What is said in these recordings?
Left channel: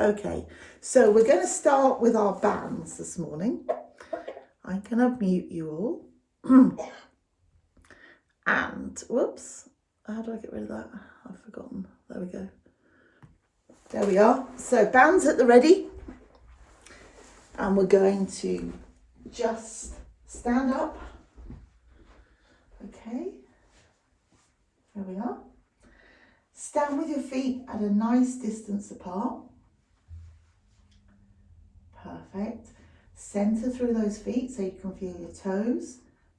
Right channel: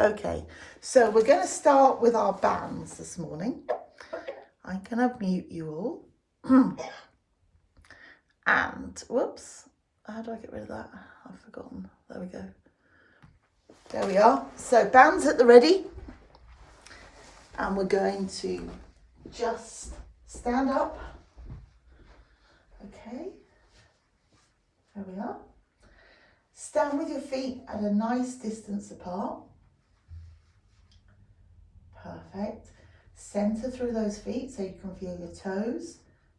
Okay, so we're going to start with our bands this morning. I'm going to mute you all. And, whoops, how do I get rid of that? I've forgotten. There we go. There we are. So bands at the ready. And we're going to just stand up. Okay. There we are. Stand with your feet at a nice distance apart. Perfect. Center through those feet so you can feel your toes,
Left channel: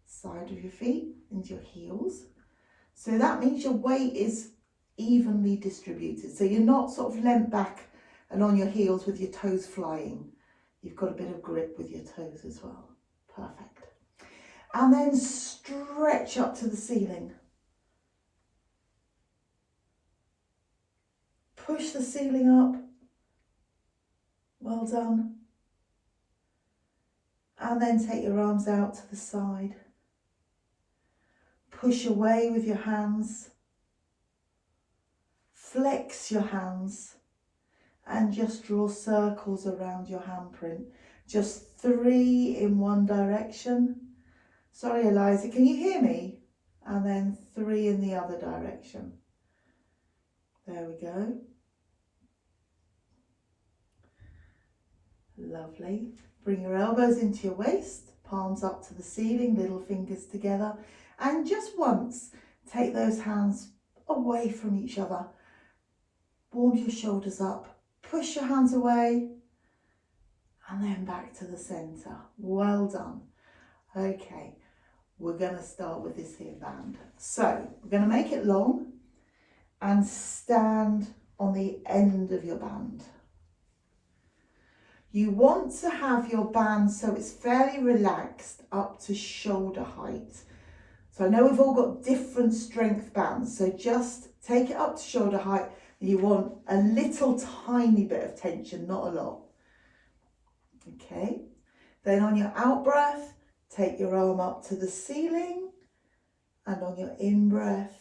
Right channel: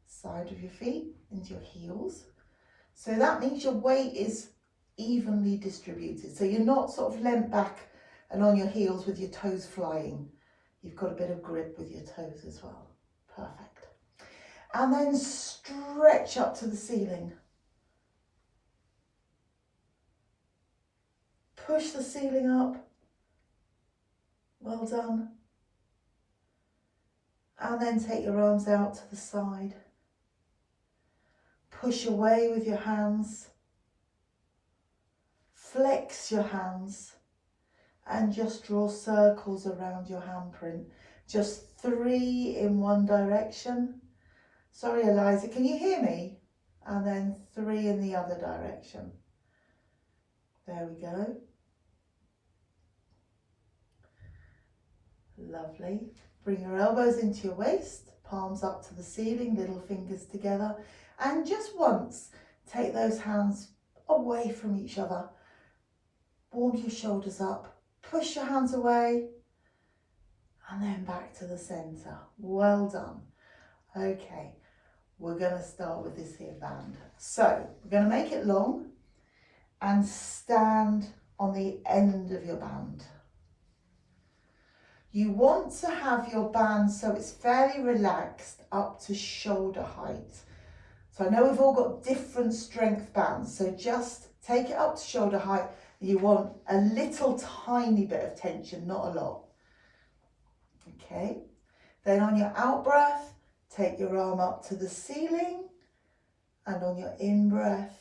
side of your feet, into your heels. So that means your weight is evenly distributed. So you're not sort of leant back and on your heels with your toes flying. You've got a bit of grip with your toes as well. Perfect. And then stretch up to the ceiling. Push the ceiling up. Well done. And then take your arms out to the side. Push away with your hands. Flex your hands and just draw circles around your handprint. Just 3 in one direction. Sorry, Eliza, can you hear me? And then 3 in the other direction. There we go. Lovely. Bring your elbows into your waist, palms up to the ceiling, little fingers together. And just once, take those hands away from each other. Warm your shoulders up, push your hands away, and then back to the center. Well done. Okay, we're going to start with this here band. So, we're going to make it long and stand on the end of your band. You want to have your band so it's fairly relaxed up to shoulder height. So I know we've all got different strength bands, so just take it up to shoulder height. You want a little tiny bit of tension, not a lot. Okay, then on your out breath, take your arm up to the ceiling, and on your in breath,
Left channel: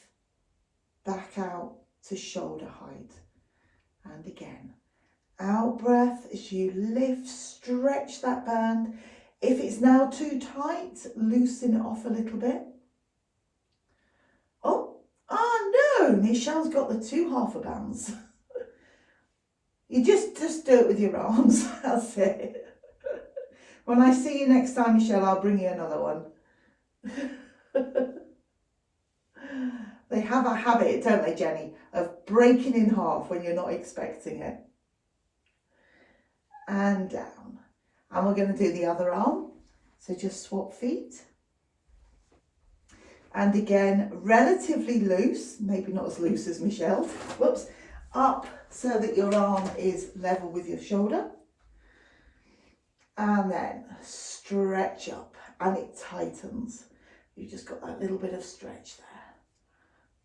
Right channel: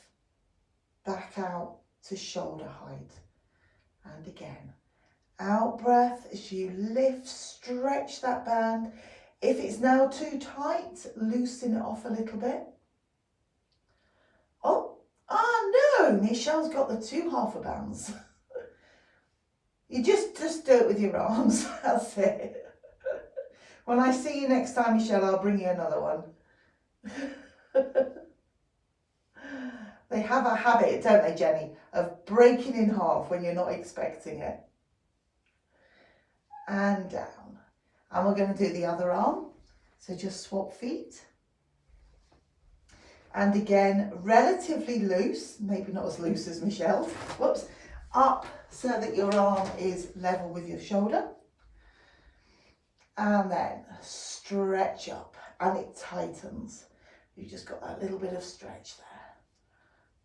back out to shoulder height. And again. Out breath as you lift, stretch that band. If it's now too tight, loosen it off a little bit. Oh no, Michelle's got the 2 half bands. You just do it with your arms, that's it. When I see you next time, Michelle, I'll bring you another one. They have a habit, don't they, Jenny, of breaking in half when you're not expecting it. And down. And we're going to do the other arm. So just swap feet. And again, relatively loose, maybe not as loose as Michelle. Whoops. Up so that your arm is level with your shoulder. And then stretch up and it tightens. You've just got that little bit of stretch there.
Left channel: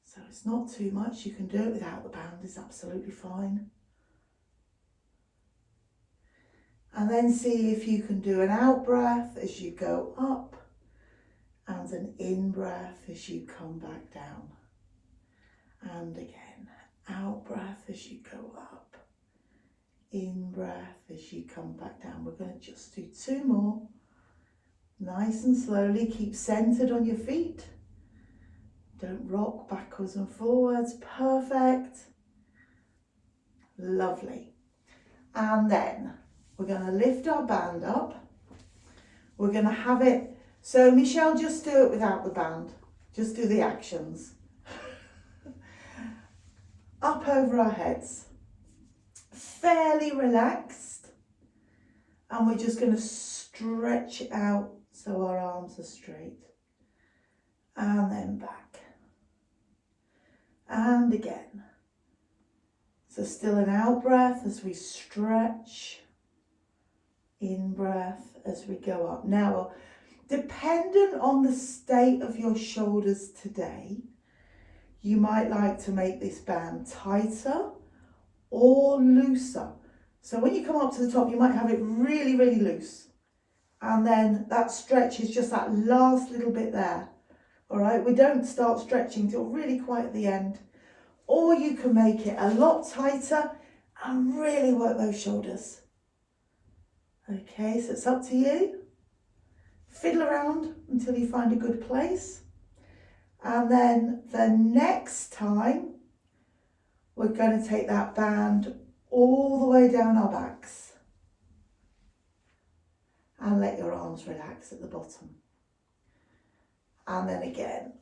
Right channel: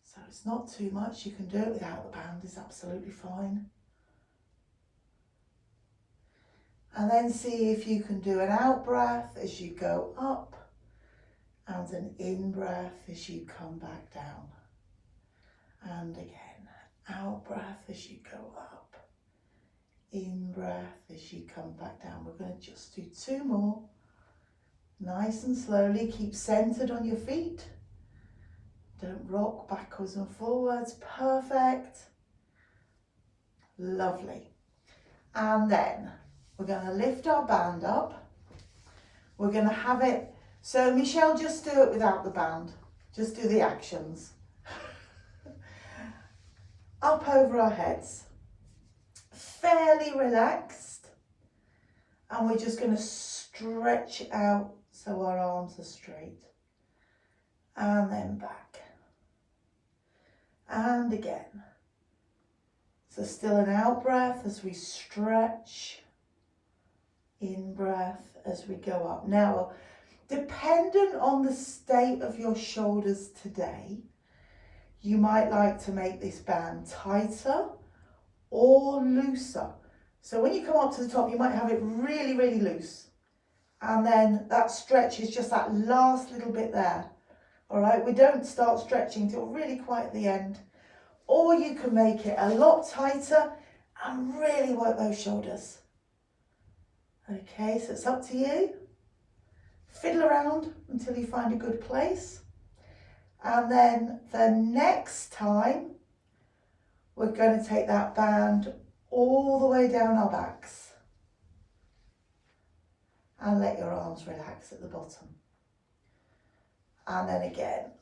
So it's not too much. You can do it without the band, it's absolutely fine. And then see if you can do an out breath as you go up and an in breath as you come back down. And again, out breath as you go up, in breath as you come back down. We're going to just do 2 more. Nice and slowly, keep centered on your feet. Don't rock backwards and forwards. Perfect. Lovely. And then we're going to lift our band up. We're going to have it. So Michelle, just do it without the band. Just do the actions. Up over our heads. Fairly relaxed. And we're just going to stretch out so our arms are straight. And then back. And again. So still an out breath as we stretch. In breath as we go up. Now, dependent on the state of your shoulders today, you might like to make this band tighter or looser. So when you come up to the top, you might have it really, really loose. And then that stretch is just that last little bit there. All right, we don't start stretching till really quite at the end. Or you can make it a lot tighter and really work those shoulders. Okay, so it's up to you. Fiddle around until you find a good place. And then the next time, we're going to take that band all the way down our backs. And let your arms relax at the bottom. And then again,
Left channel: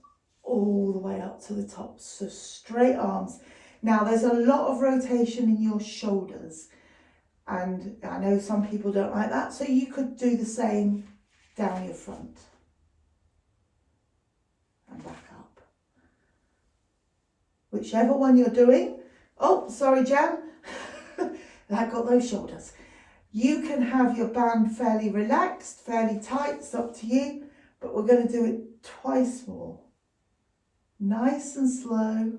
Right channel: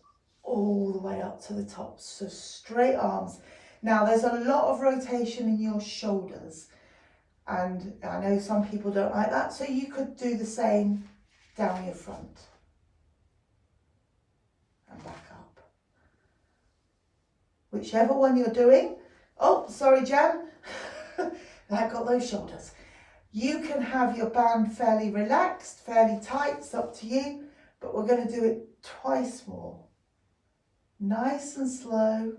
all the way up to the top. So straight arms. Now there's a lot of rotation in your shoulders. And I know some people don't like that. So you could do the same down your front. And back up. Whichever one you're doing. Oh, sorry, Jan. I got those shoulders. You can have your band fairly relaxed, fairly tight, it's up to you, but we're going to do it twice more. Nice and slow,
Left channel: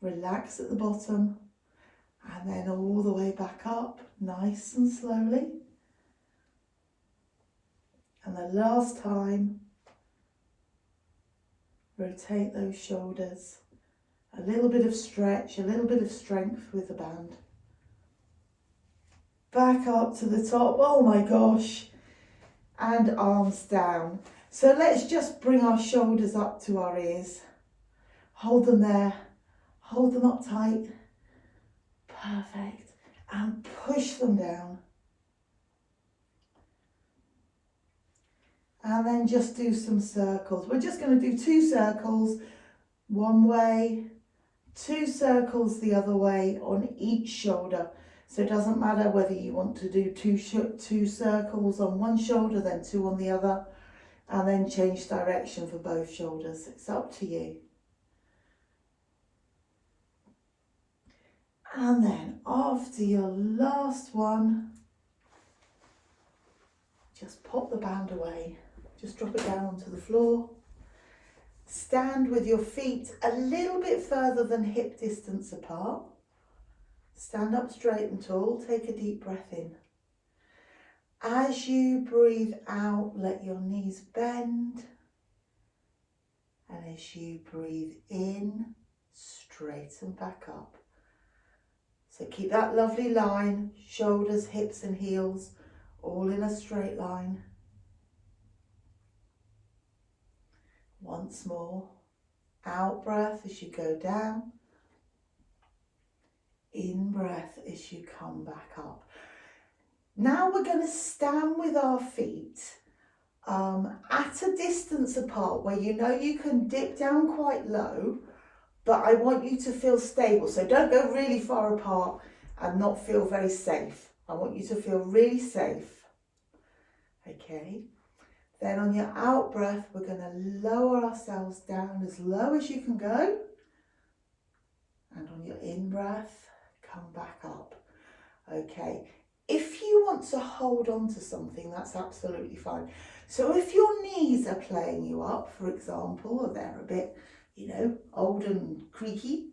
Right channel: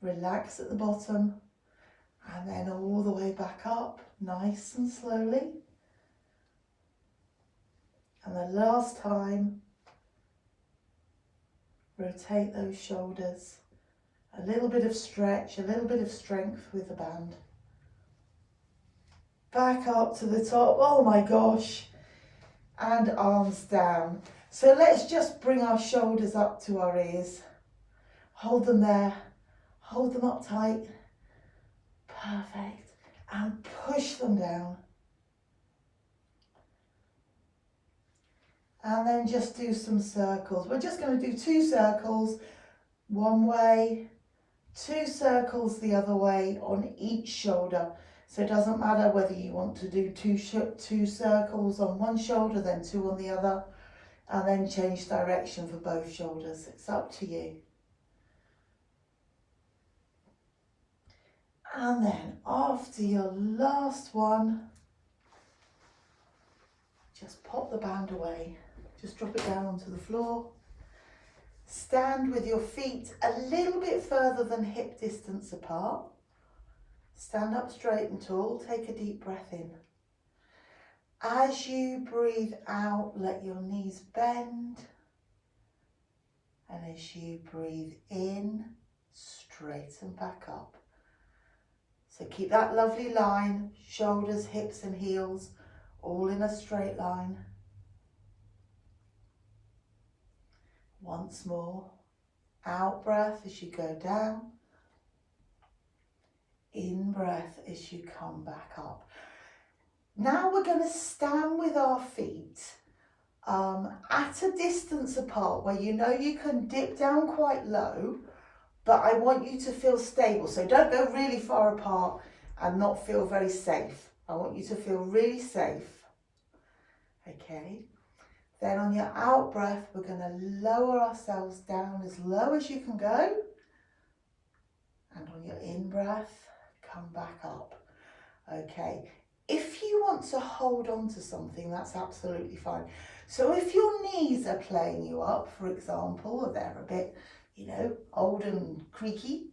relax at the bottom, and then all the way back up, nice and slowly. And the last time, rotate those shoulders, a little bit of stretch, a little bit of strength with the band. Back up to the top, oh my gosh, and arms down. So let's just bring our shoulders up to our ears. Hold them there, hold them up tight. Perfect. And push them down. And then just do some circles. We're just going to do 2 circles, one way, 2 circles the other way on each shoulder. So it doesn't matter whether you want to do two circles on one shoulder, then 2 on the other, and then change direction for both shoulders. It's up to you. And then after your last one, just pop the band away. Just drop it down onto the floor. Stand with your feet a little bit further than hip distance apart. Stand up straight and tall, take a deep breath in. As you breathe out, let your knees bend. And as you breathe in, straighten back up. So keep that lovely line, shoulders, hips and heels, all in a straight line. Once more, out breath as you go down. In breath as you come back up. Now we're going to stand with our feet at a distance apart where you know you can dip down quite low, but I want you to feel stable. So don't go really far apart and not feel very safe. I want you to feel really safe. Okay. Then on your out breath, we're going to lower ourselves down as low as you can go. And on your in breath, come back up. Okay, if you want to hold on to something, that's absolutely fine. So if your knees are playing you up, for example, or they're a bit, old and creaky,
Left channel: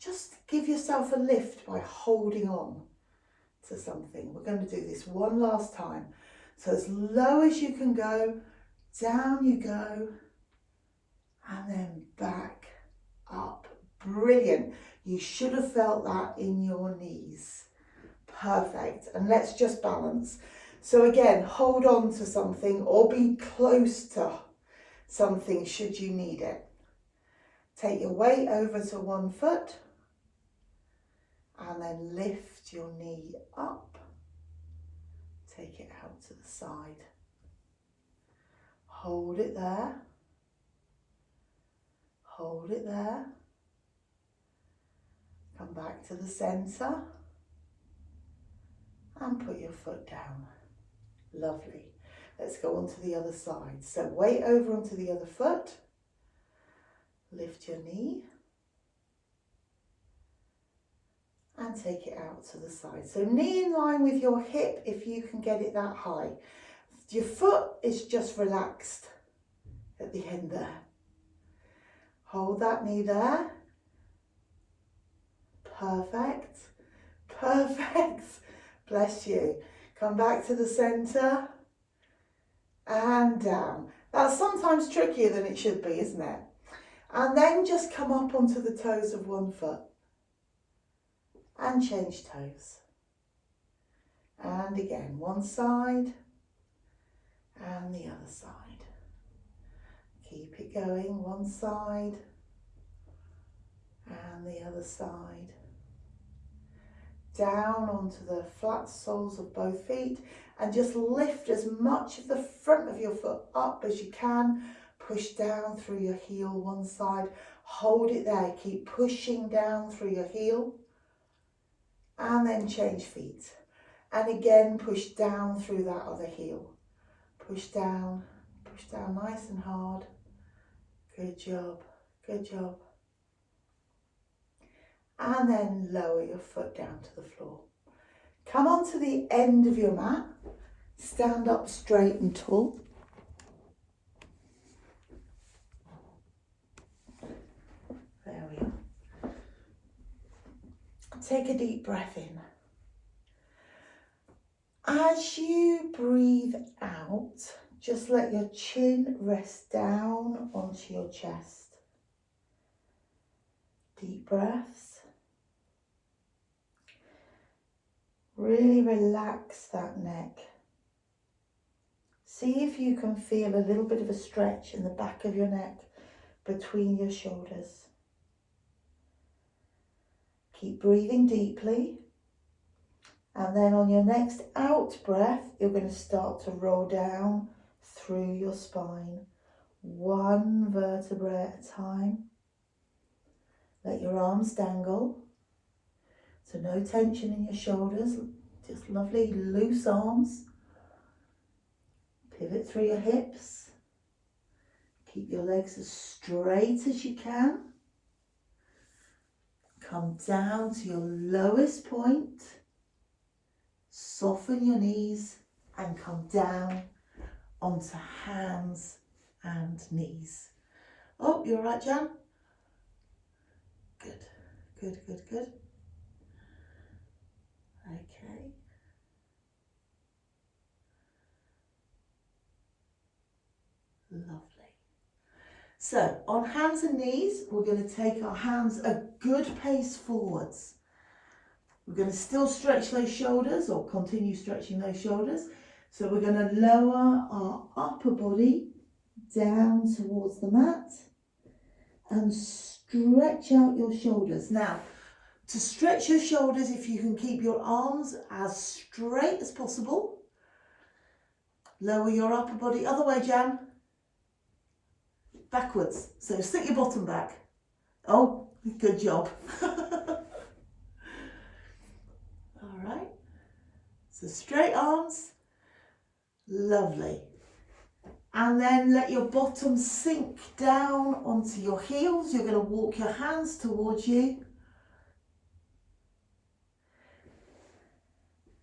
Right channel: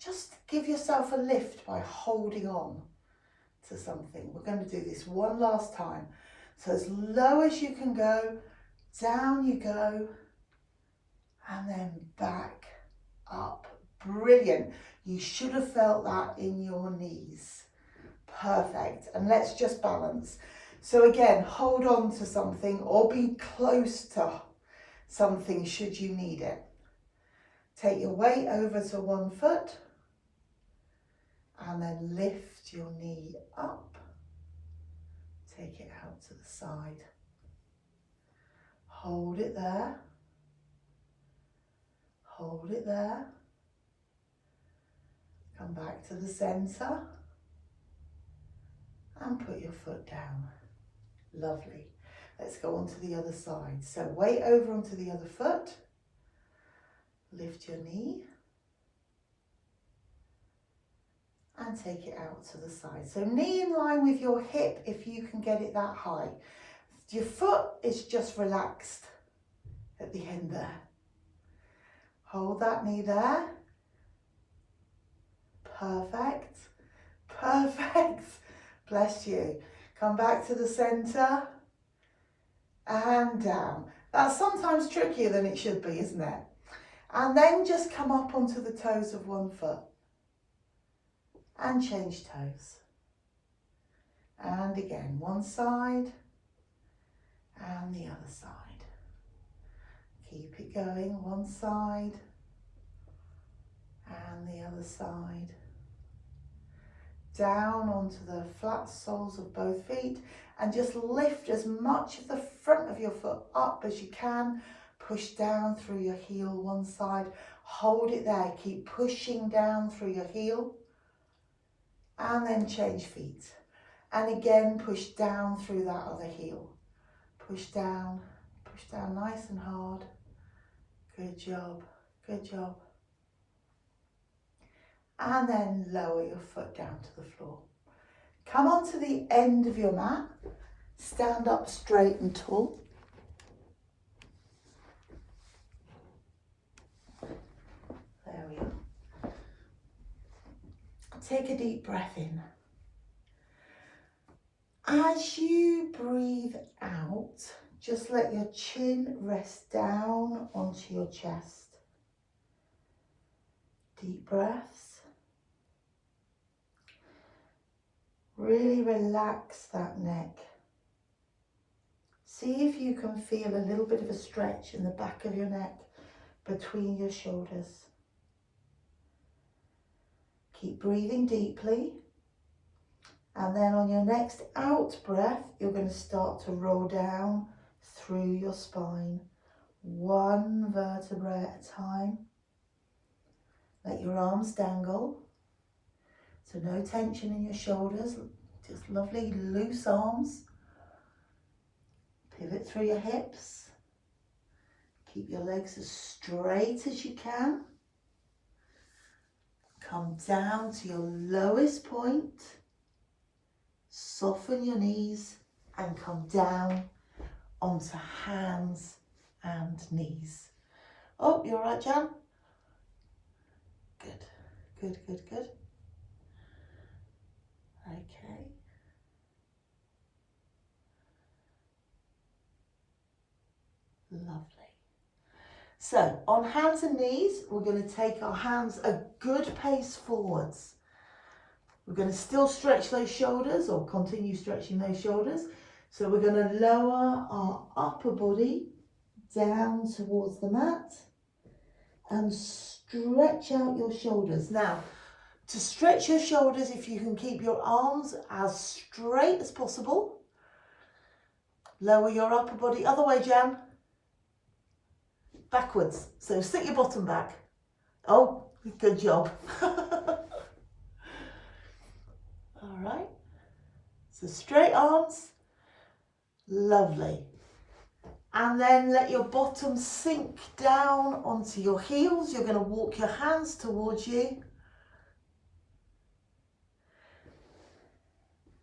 just give yourself a lift by holding on to something. We're going to do this one last time. So as low as you can go, down you go, and then back up. Brilliant. You should have felt that in your knees. Perfect. And let's just balance. So again, hold on to something or be close to something should you need it. Take your weight over to one foot and then lift your knee up. Take it out to the side. Hold it there. Hold it there. Come back to the centre and put your foot down. Lovely. Let's go on to the other side. So weight over onto the other foot. Lift your knee and take it out to the side. So knee in line with your hip if you can get it that high. Your foot is just relaxed at the end there. Hold that knee there. Perfect. Perfect. Bless you. Come back to the centre and down. That's sometimes trickier than it should be, isn't it? And then just come up onto the toes of one foot and change toes. And again, one side and the other side. Keep it going, one side and the other side. Down onto the flat soles of both feet and just lift as much of the front of your foot up as you can. Push down through your heel one side, hold it there, keep pushing down through your heel and then change feet. And again, push down through that other heel. Push down nice and hard. Good job, good job. And then lower your foot down to the floor. Come onto the end of your mat, stand up straight and tall. There we are. Take a deep breath in. As you breathe out, just let your chin rest down onto your chest. Deep breaths. Really relax that neck. See if you can feel a little bit of a stretch in the back of your neck between your shoulders. Keep breathing deeply. And then on your next out breath, you're going to start to roll down through your spine, one vertebrae at a time. Let your arms dangle. So no tension in your shoulders, just lovely loose arms. Pivot through your hips. Keep your legs as straight as you can. Come down to your lowest point. Soften your knees and come down onto hands and knees. Oh, you're right, Jan? Good, good, good, good. Okay. Lovely. So on hands and knees, we're going to take our hands a good pace forwards. We're going to still stretch those shoulders or continue stretching those shoulders. So we're going to lower our upper body down towards the mat and stretch out your shoulders. Now, to stretch your shoulders, if you can keep your arms as straight as possible, lower your upper body. Other way, Jan. Backwards. So sit your bottom back. Oh, good job. All right. So straight arms. Lovely. And then let your bottom sink down onto your heels. You're going to walk your hands towards you.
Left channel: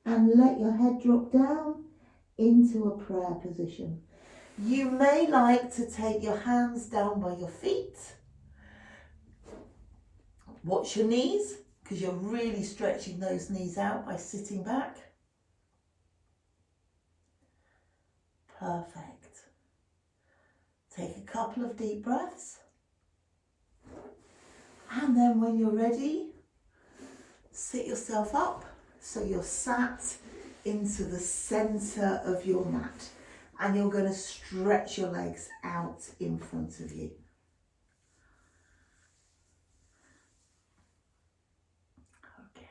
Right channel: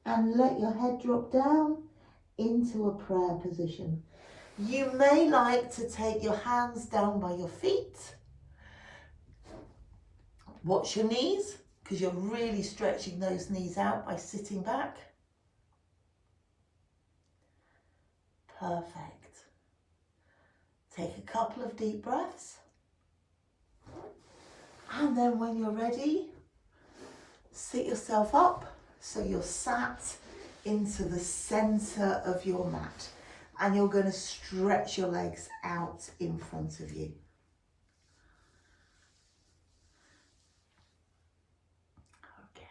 And let your head drop down into a prayer position. You may like to take your hands down by your feet. Watch your knees, because you're really stretching those knees out by sitting back. Perfect. Take a couple of deep breaths. And then when you're ready, sit yourself up. So you're sat into the center of your mat and you're going to stretch your legs out in front of you. Okay.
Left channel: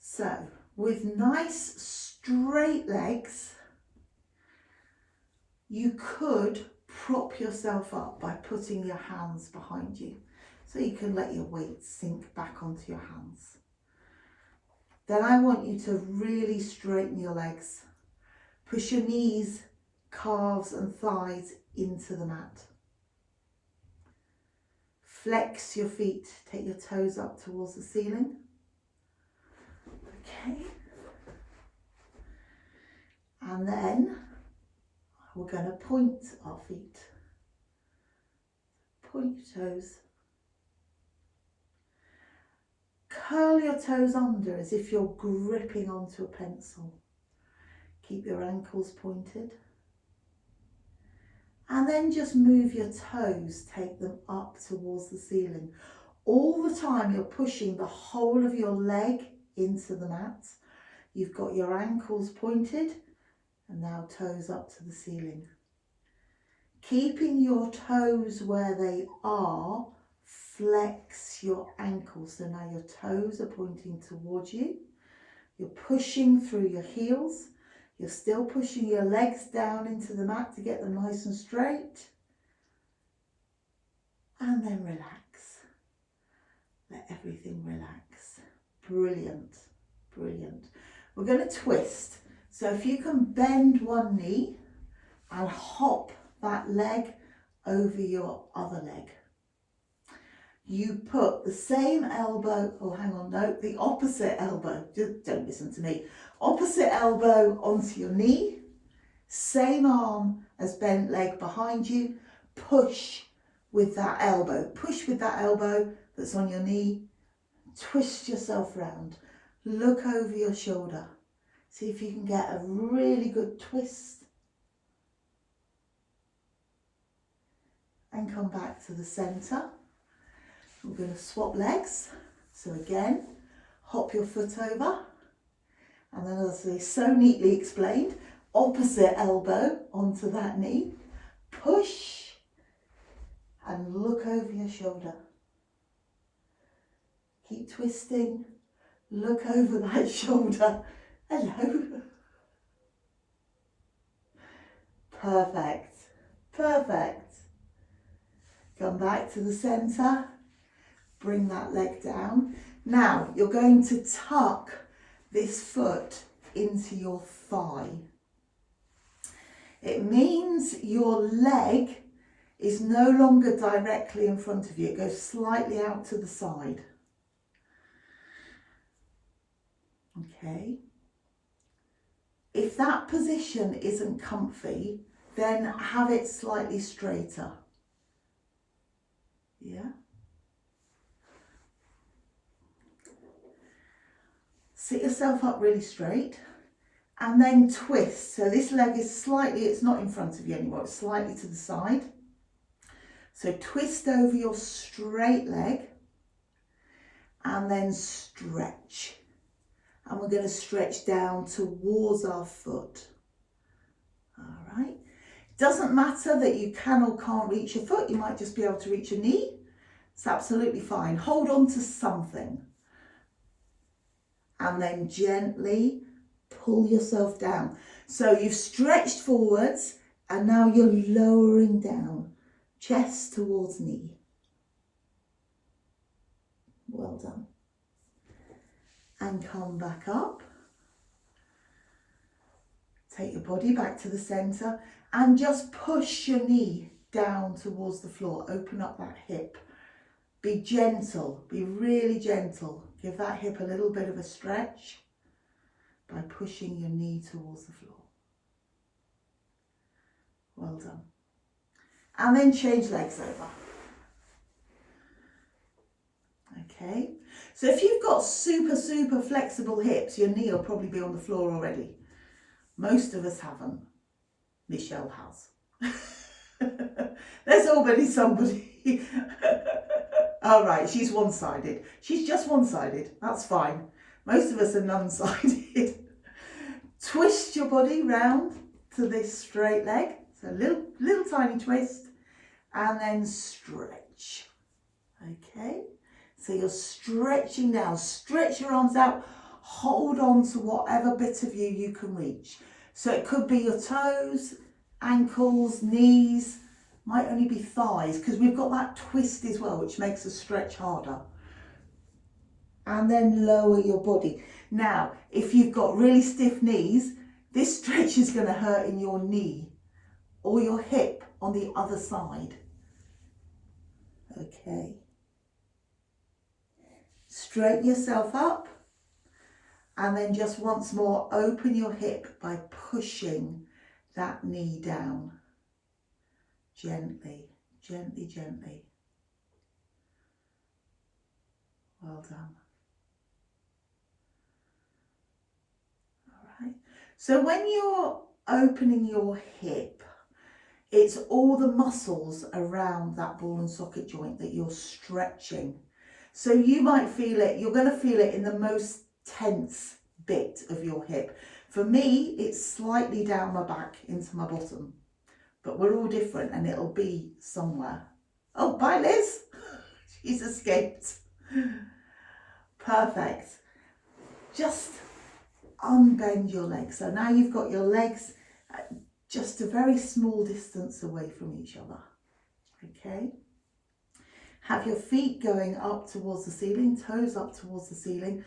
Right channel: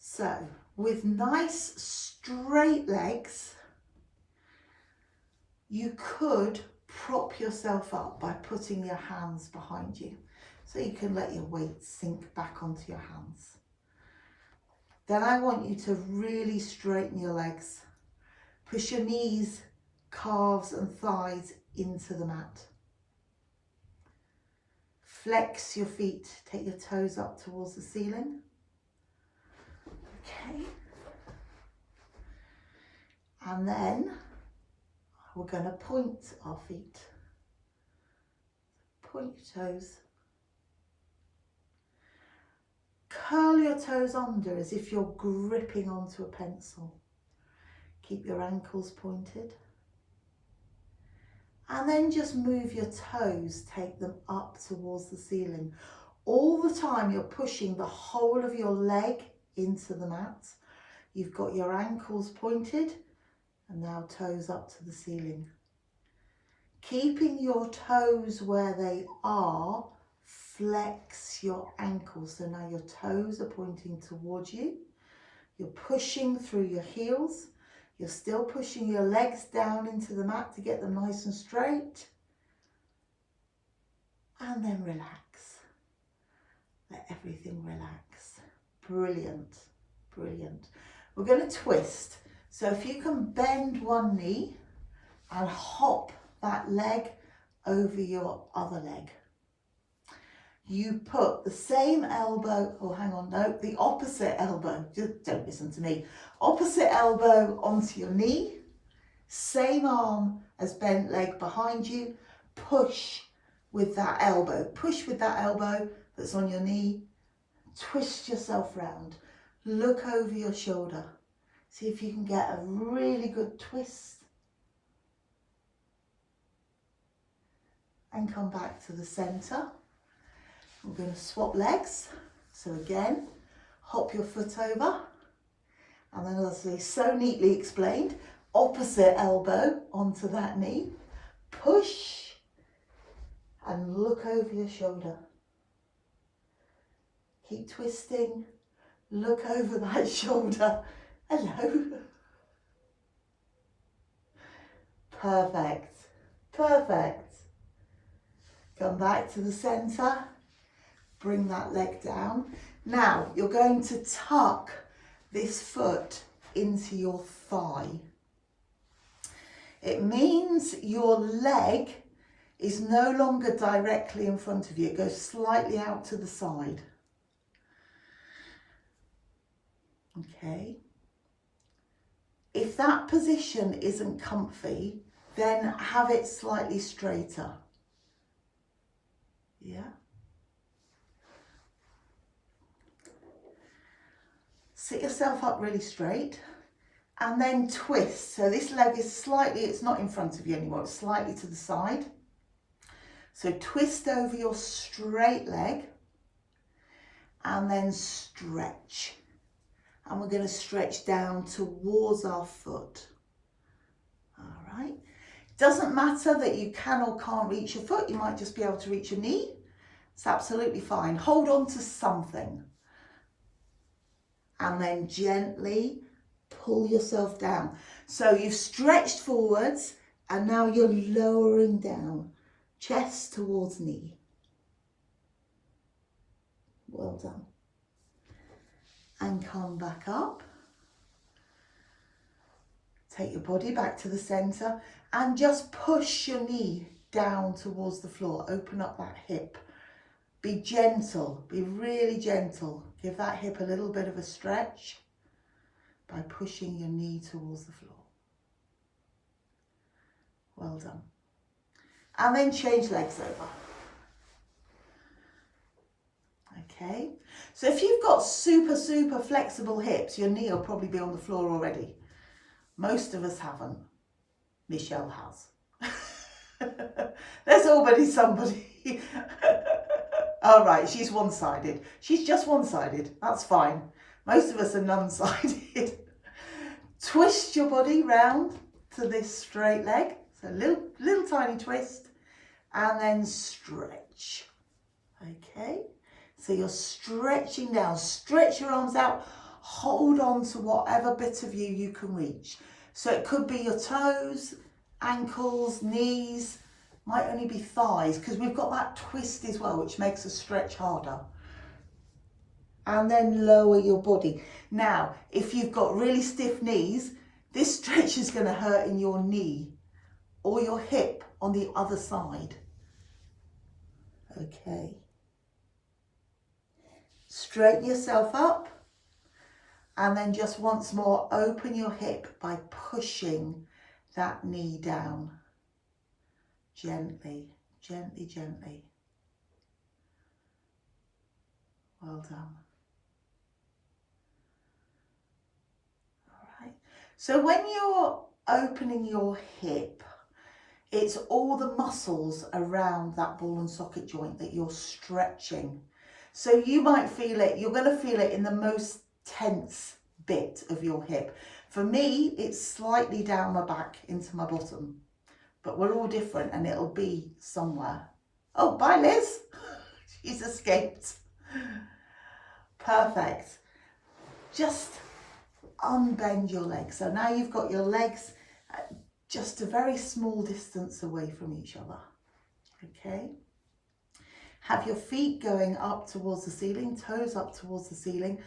So with nice straight legs, you could prop yourself up by putting your hands behind you. So you can let your weight sink back onto your hands. Then I want you to really straighten your legs. Push your knees, calves and thighs into the mat. Flex your feet, take your toes up towards the ceiling. Okay. And then we're going to point our feet. Point your toes. Curl your toes under as if you're gripping onto a pencil. Keep your ankles pointed. And then just move your toes, take them up towards the ceiling. All the time you're pushing the whole of your leg into the mat. You've got your ankles pointed and now toes up to the ceiling. Keeping your toes where they are, flex your ankles. So now your toes are pointing towards you. You're pushing through your heels. You're still pushing your legs down into the mat to get them nice and straight. And then relax. Let everything relax. Brilliant, brilliant. We're going to twist. So if you can bend one knee and hop that leg over your other leg. You put the same elbow, oh hang on, no, the opposite elbow, just don't listen to me. Opposite elbow onto your knee, same arm as bent leg behind you, push with that elbow. Push with that elbow that's on your knee, twist yourself round, look over your shoulder. See if you can get a really good twist. And come back to the centre. We're going to swap legs. So again, hop your foot over. And then as I so neatly explained, opposite elbow onto that knee. Push and look over your shoulder. Keep twisting. Look over that shoulder. Hello. Perfect. Perfect. Come back to the centre. Bring that leg down. Now you're going to tuck this foot into your thigh. It means your leg is no longer directly in front of you. It goes slightly out to the side. Okay. If that position isn't comfy, then have it slightly straighter. Yeah. Sit yourself up really straight and then twist. So this leg is slightly, it's not in front of you anymore, it's slightly to the side. So twist over your straight leg and then stretch. And we're going to stretch down towards our foot. All right. Doesn't matter that you can or can't reach your foot. You might just be able to reach your knee. It's absolutely fine. Hold on to something. And then gently pull yourself down. So you've stretched forwards and now you're lowering down. Chest towards knee. Well done. And come back up. Take your body back to the centre and just push your knee down towards the floor. Open up that hip. Be gentle, be really gentle. Give that hip a little bit of a stretch by pushing your knee towards the floor. Well done. And then change legs over. Okay, so if you've got super flexible hips, your knee will probably be on the floor already. Most of us haven't. Michelle has. There's already somebody. All right, she's one-sided. She's just one-sided. That's fine. Most of us are none-sided. Twist your body round to this straight leg. So little tiny twist and then stretch. Okay. So you're stretching down, stretch your arms out, hold on to whatever bit of you can reach. So it could be your toes, ankles, knees, might only be thighs because we've got that twist as well, which makes the stretch harder. And then lower your body. Now, if you've got really stiff knees, this stretch is going to hurt in your knee or your hip on the other side. Okay. Straighten yourself up and then just once more open your hip by pushing that knee down. Gently, gently, gently. Well done. All right. So when you're opening your hip, it's all the muscles around that ball and socket joint that you're stretching. So you might feel it, you're going to feel it in the most tense bit of your hip. For me, it's slightly down my back into my bottom, but we're all different and it'll be somewhere. Oh, bye Liz. She's escaped. Perfect. Just unbend your legs. So now you've got your legs just a very small distance away from each other. Okay. Have your feet going up towards the ceiling, toes up towards the ceiling.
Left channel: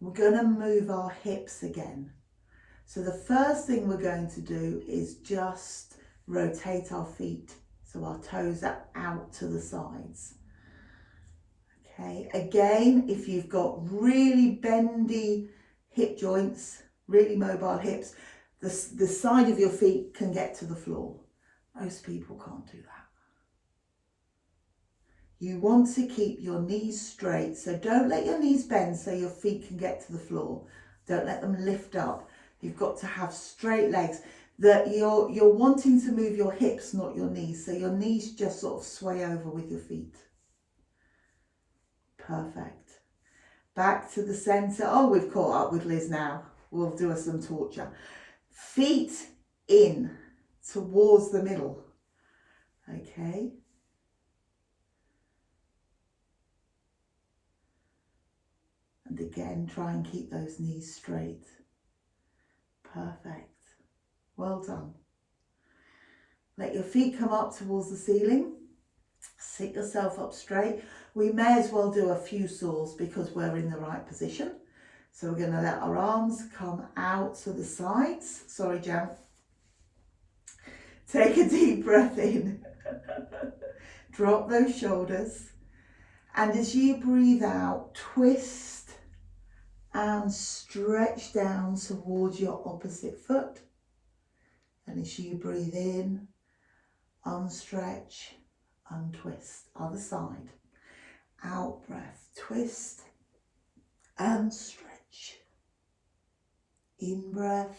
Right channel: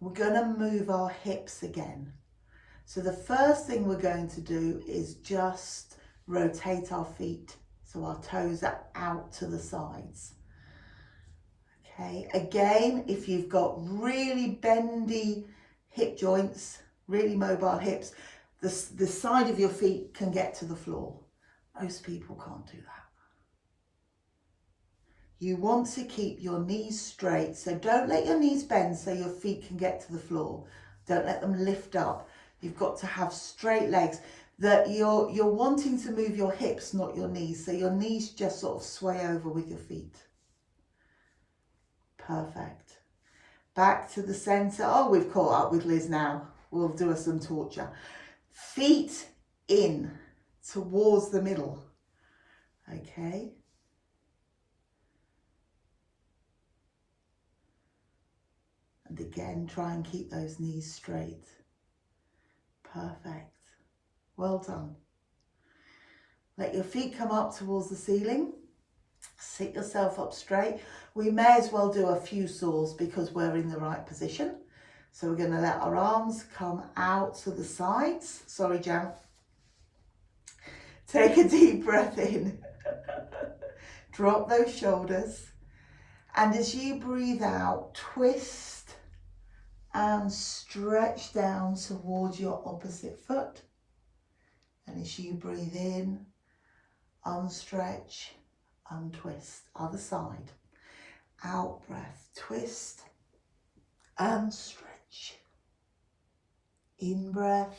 We're going to move our hips again. So the first thing we're going to do is just rotate our feet so our toes are out to the sides. Okay, again, if you've got really bendy hip joints, really mobile hips, the side of your feet can get to the floor. Most people can't do that. You want to keep your knees straight, so don't let your knees bend so your feet can get to the floor. Don't let them lift up. You've got to have straight legs. That you're wanting to move your hips, not your knees, so your knees just sort of sway over with your feet. Perfect. Back to the center. Oh, we've caught up with Liz now. We'll do some torture. Feet in towards the middle. Okay. And again, try and keep those knees straight. Perfect. Well done. Let your feet come up towards the ceiling. Sit yourself up straight. We may as well do a few saws because we're in the right position. So we're going to let our arms come out to the sides. Sorry, Jam. Take a deep breath in. Drop those shoulders. And as you breathe out, twist and stretch down towards your opposite foot. And as you breathe in, unstretch, untwist. Other side. Out breath, twist and stretch. In breath,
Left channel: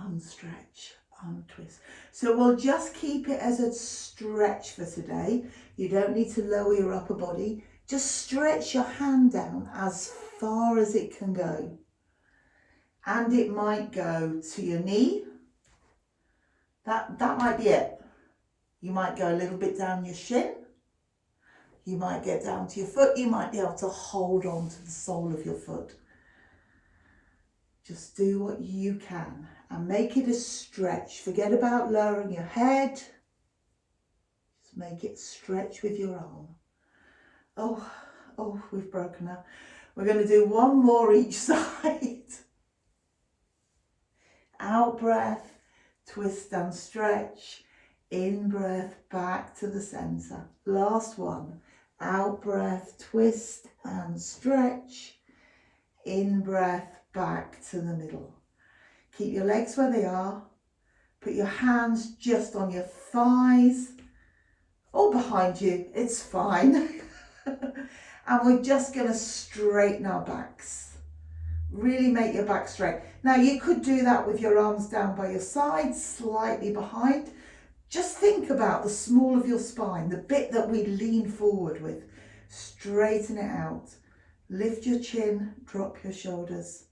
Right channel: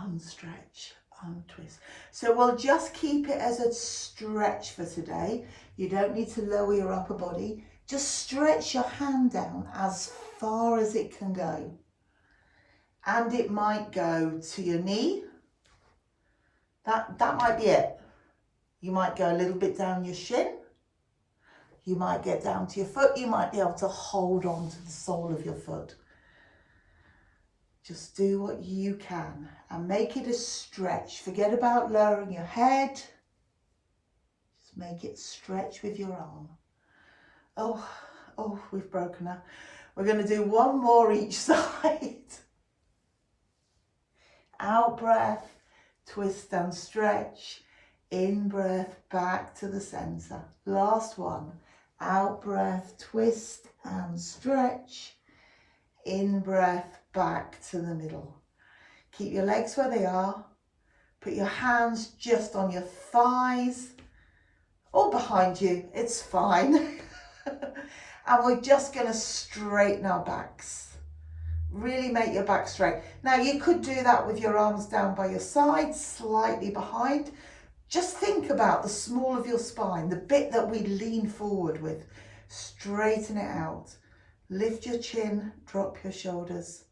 unstretch, untwist. So we'll just keep it as a stretch for today. You don't need to lower your upper body. Just stretch your hand down as far as it can go. And it might go to your knee. That might be it. You might go a little bit down your shin. You might get down to your foot. You might be able to hold on to the sole of your foot. Just do what you can and make it a stretch. Forget about lowering your head. Just make it stretch with your arm. Oh, we've broken up. We're going to do one more each side. Out breath, twist and stretch. In breath, back to the center. Last one. Out breath, twist and stretch. In breath, back to the middle. Keep your legs where they are. Put your hands just on your thighs or behind you. It's fine. And we're just going to straighten our backs. Really make your back straight. Now you could do that with your arms down by your sides, slightly behind. Just think about the small of your spine, the bit that we lean forward with. Straighten it out. Lift your chin, drop your shoulders.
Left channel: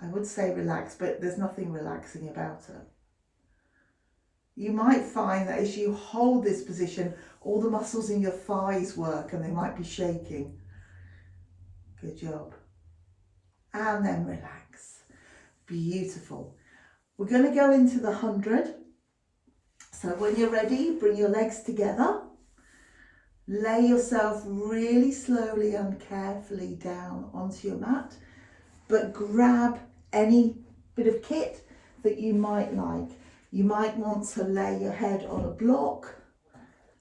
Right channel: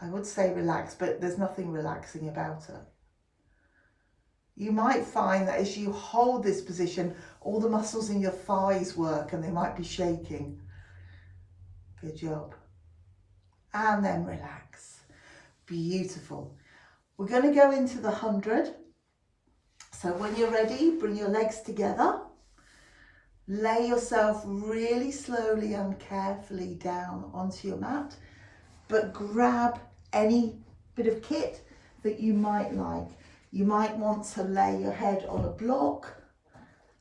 I would say relax, but there's nothing relaxing about it. You might find that as you hold this position, all the muscles in your thighs work and they might be shaking. Good job. And then relax. Beautiful. We're going to go into the 100. So when you're ready, bring your legs together. Lay yourself really slowly and carefully down onto your mat, but grab any bit of kit that you might like. You might want to lay your head on a block,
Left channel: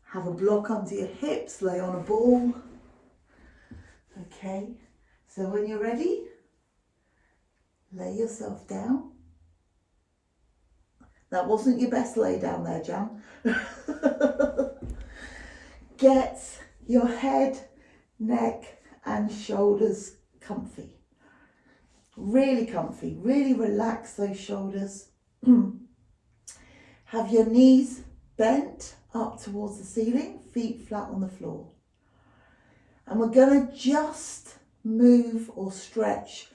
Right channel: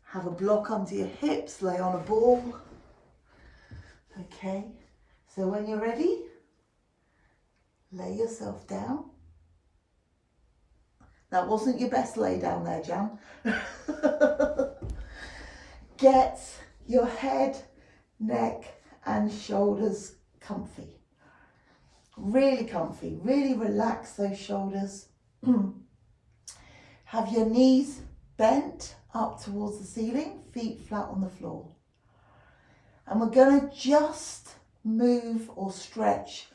have a block under your hips, lay on a ball. Okay, so when you're ready, lay yourself down. That wasn't your best lay down there, Jan. Get your head, neck and shoulders comfy. Really comfy. Really relax those shoulders. Have your knees bent up towards the ceiling, feet flat on the floor. And we're going to just move or stretch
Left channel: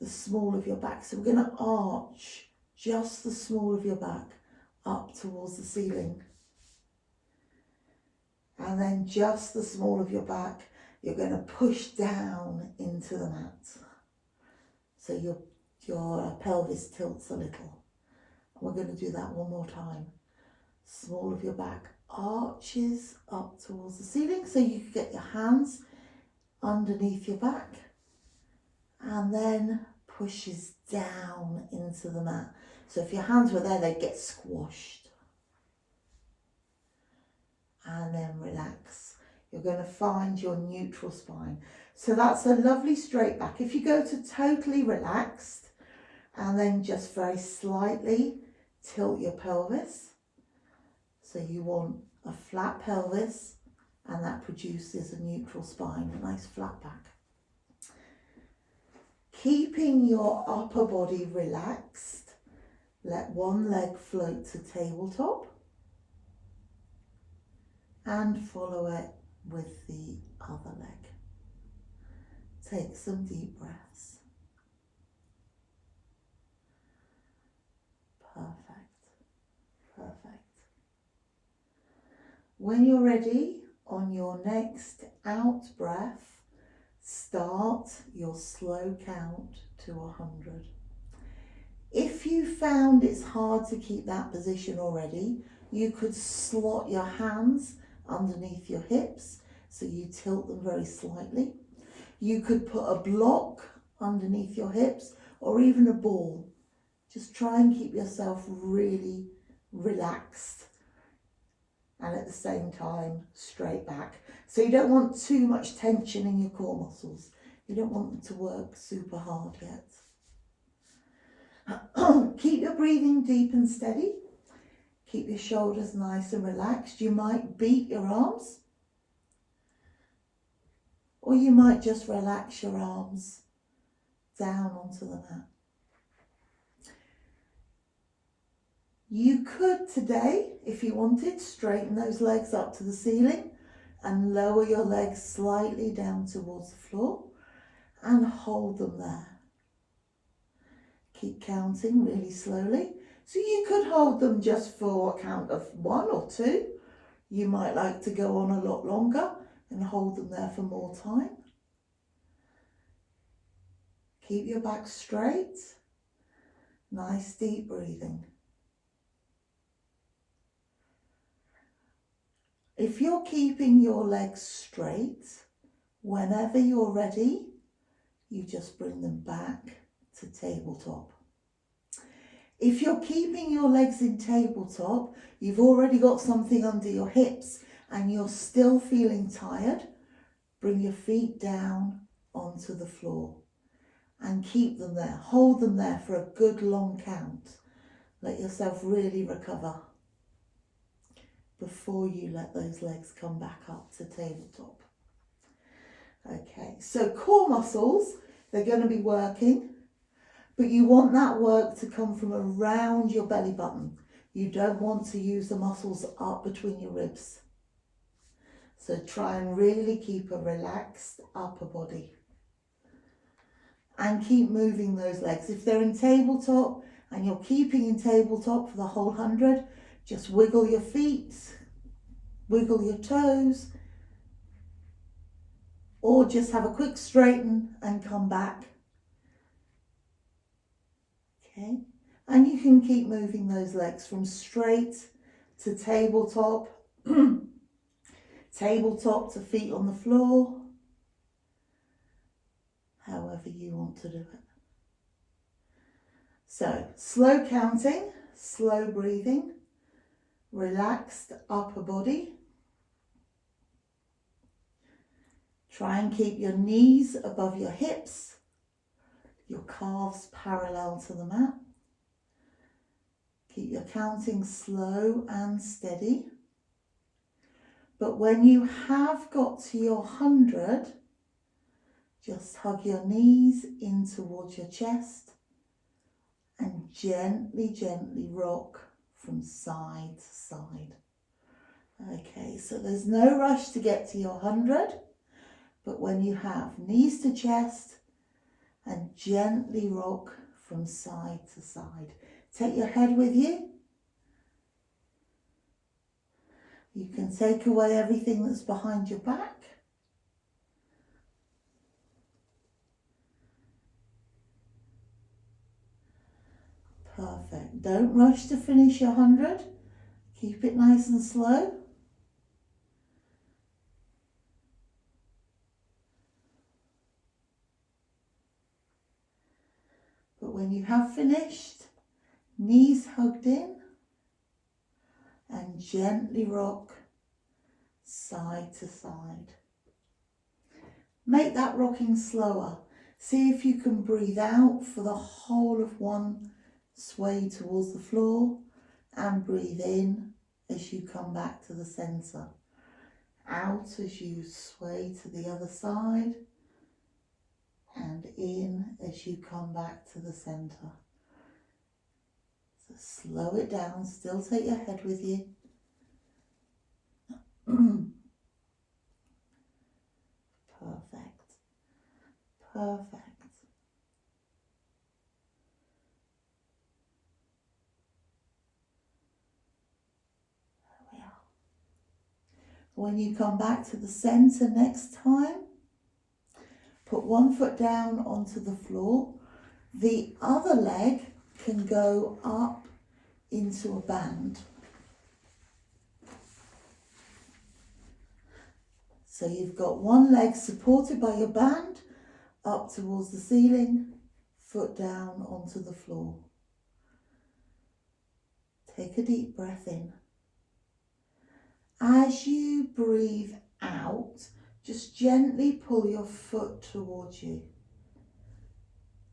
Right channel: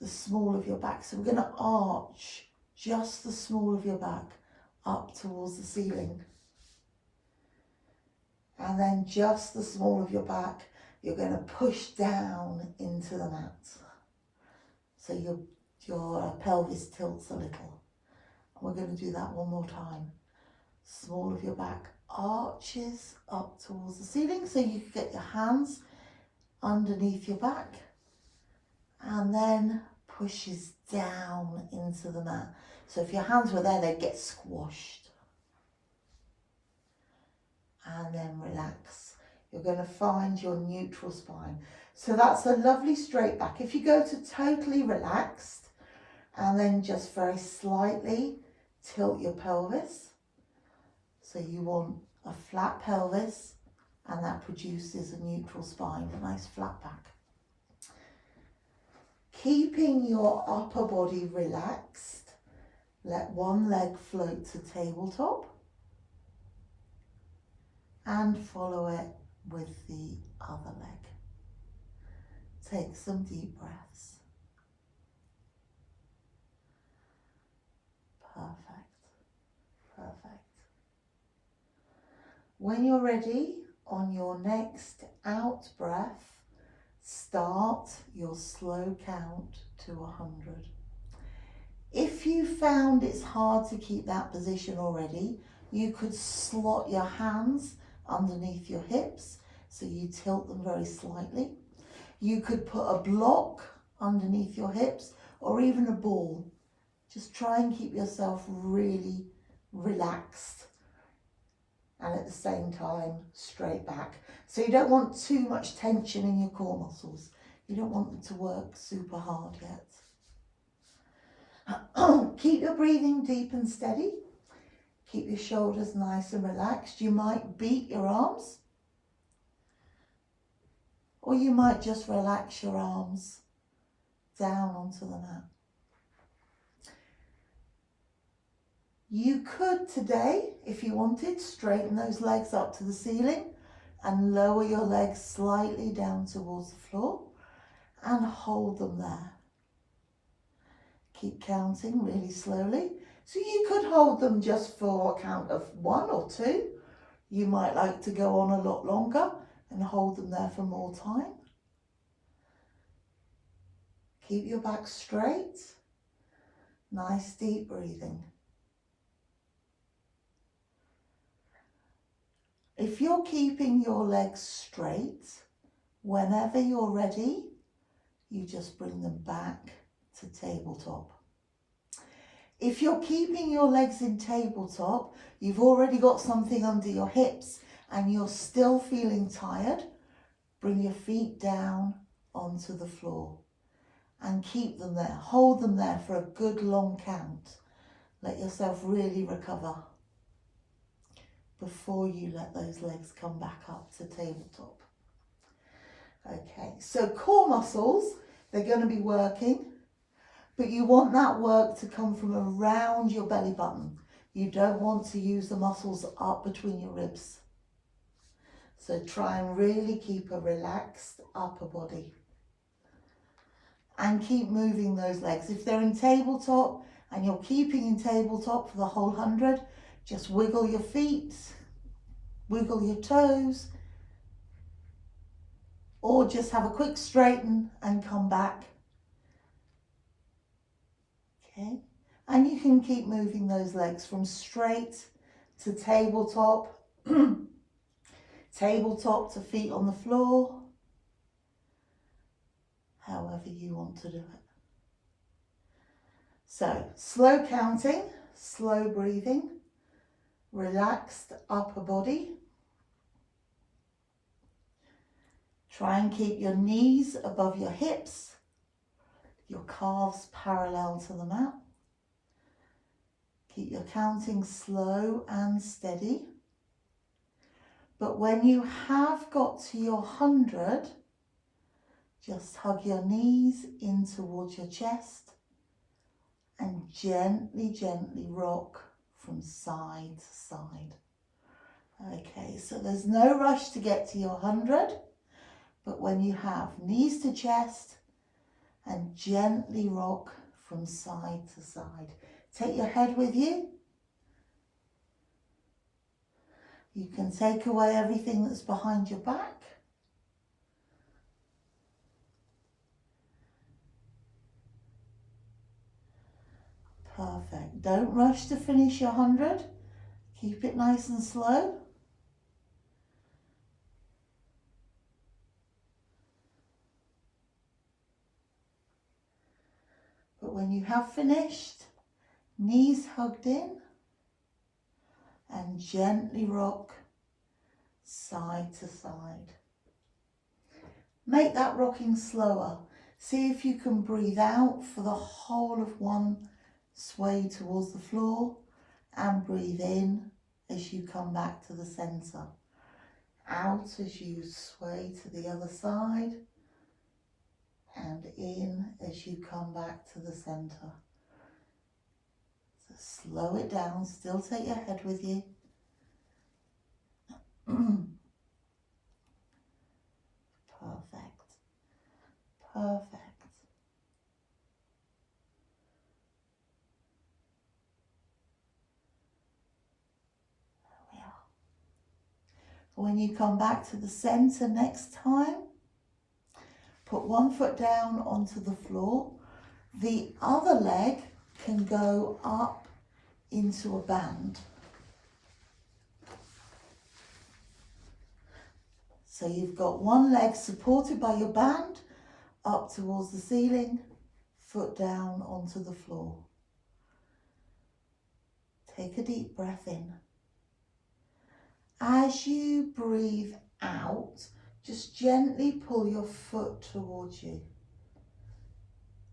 the small of your back. So we're going to arch just the small of your back up towards the ceiling. And then just the small of your back, you're going to push down into the mat. So your pelvis tilts a little. And we're going to do that one more time. Small of your back arches up towards the ceiling, so you can get your hands underneath your back, and then pushes down into the mat. So if your hands were there, they'd get squashed. And then relax. You're going to find your neutral spine. So that's a lovely straight back. If you go to totally relaxed and then just very slightly tilt your pelvis. So you want a flat pelvis, and that produces a neutral spine, a nice flat back. Keeping your upper body relaxed, let one leg float to tabletop and follow it with the other leg. Take some deep breaths. Perfect, perfect. When you're ready, on your next out breath, start your slow count to 100. If you found it's hard to keep that position already, you could slot your hands underneath your hips, so you tilt them very slightly. You could put a block underneath your hips, or even a ball. Just try and keep yourself really relaxed, and at the same time straight back. So you don't want too much tension in your core muscles. You don't want them to work super hard yet. Keep your breathing deep and steady. Keep your shoulders nice and relaxed. You might beat your arms, or you might just relax your arms down onto the mat. You could today, if you wanted, straighten those legs up to the ceiling and lower your legs slightly down towards the floor and hold them there. Keep counting really slowly. So you could hold them just for a count of 1 or 2. You might like to go on a lot longer and hold them there for more time. Keep your back straight. Nice deep breathing. If you're keeping your legs straight, whenever you're ready, you just bring them back to tabletop. If you're keeping your legs in tabletop, you've already got something under your hips and you're still feeling tired, bring your feet down onto the floor and keep them there. Hold them there for a good long count. Let yourself really recover before you let those legs come back up to tabletop. Okay, so core muscles, they're going to be working, but you want that work to come from around your belly button. You don't want to use the muscles up between your ribs. So try and really keep a relaxed upper body. And keep moving those legs. If they're in tabletop and you're keeping in tabletop for the whole 100, just wiggle your feet, wiggle your toes, or just have a quick straighten and come back. Okay, and you can keep moving those legs from straight to tabletop, tabletop to feet on the floor, however you want to do it. So, slow counting, slow breathing, relaxed upper body. Try and keep your knees above your hips, your calves parallel to the mat. Keep your counting slow and steady. But when you have got to your 100, just hug your knees in towards your chest and gently, gently rock from side to side. Okay, so there's no rush to get to your 100. But when you have knees to chest and gently rock from side to side. Take your head with you. You can take away everything that's behind your back. Perfect. Don't rush to finish your 100. Keep it nice and slow. But when you have finished, knees hugged in and gently rock side to side. Make that rocking slower. See if you can breathe out for the whole of one sway towards the floor and breathe in as you come back to the centre. Out as you sway to the other side and in as you come back to the centre. So slow it down, still take your head with you. Perfect. Perfect. There we are. When you come back to the centre next time, put one foot down onto the floor. The other leg can go up into a band. So you've got one leg supported by your band up towards the ceiling, foot down onto the floor. Take a deep breath in. As you breathe out, just gently pull your foot towards you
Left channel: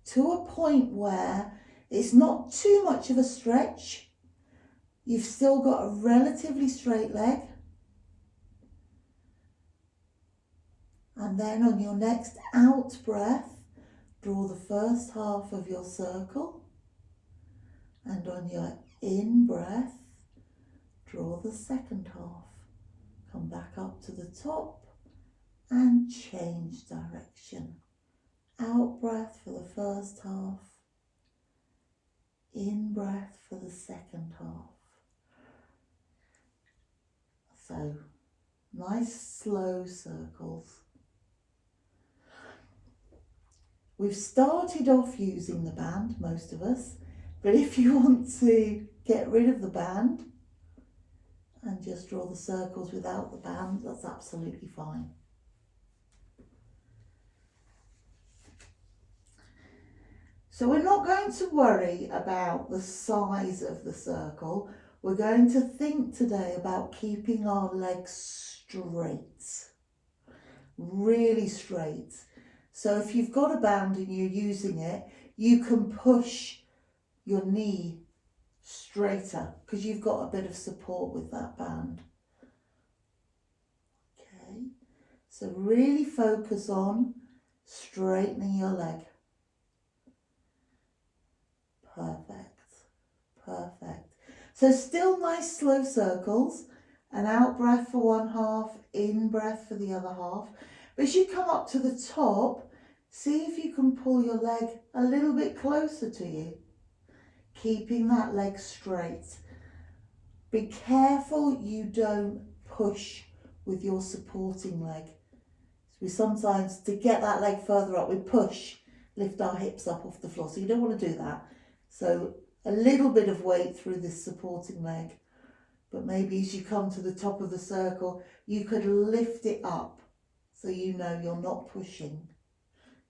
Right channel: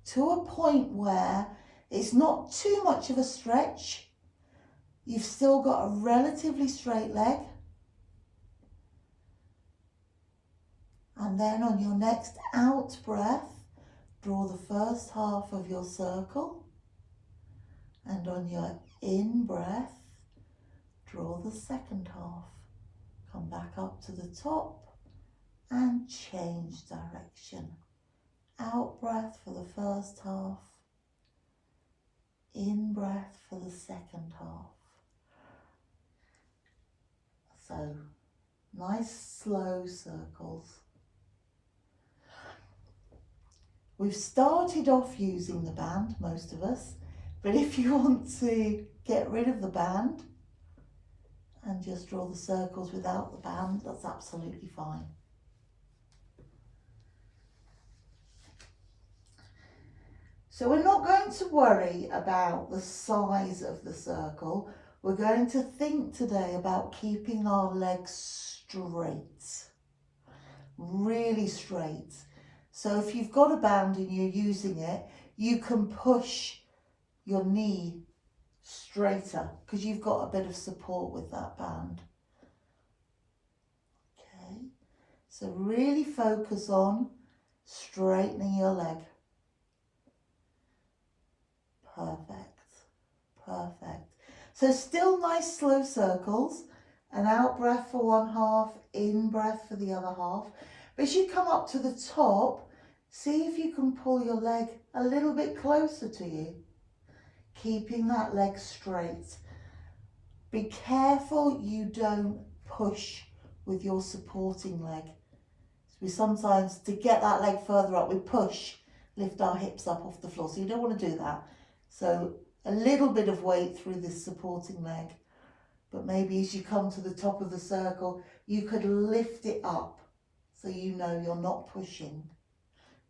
to a point where it's not too much of a stretch. You've still got a relatively straight leg. And then on your next out breath, draw the first half of your circle. And on your in breath, draw the second half. Come back up to the top and change direction. Out breath for the first half. In breath for the second half. So, nice slow circles. We've started off using the band, most of us, but if you want to get rid of the band and just draw the circles without the band, that's absolutely fine. So we're not going to worry about the size of the circle. We're going to think today about keeping our legs straight, really straight. So if you've got a band and you're using it, you can push your knee straighter because you've got a bit of support with that band. Okay, so really focus on straightening your leg. Perfect, perfect. So still nice slow circles, an out breath for one half, in breath for the other half. But as you come up to the top, see if you can pull your leg a little bit closer to you, keeping that leg straight. Be careful you don't push with your supporting leg. We sometimes, to get that leg further up, we push, lift our hips up off the floor. So you don't want to do that. So a little bit of weight through this supporting leg, but maybe as you come to the top of the circle, you could lift it up so you know you're not pushing.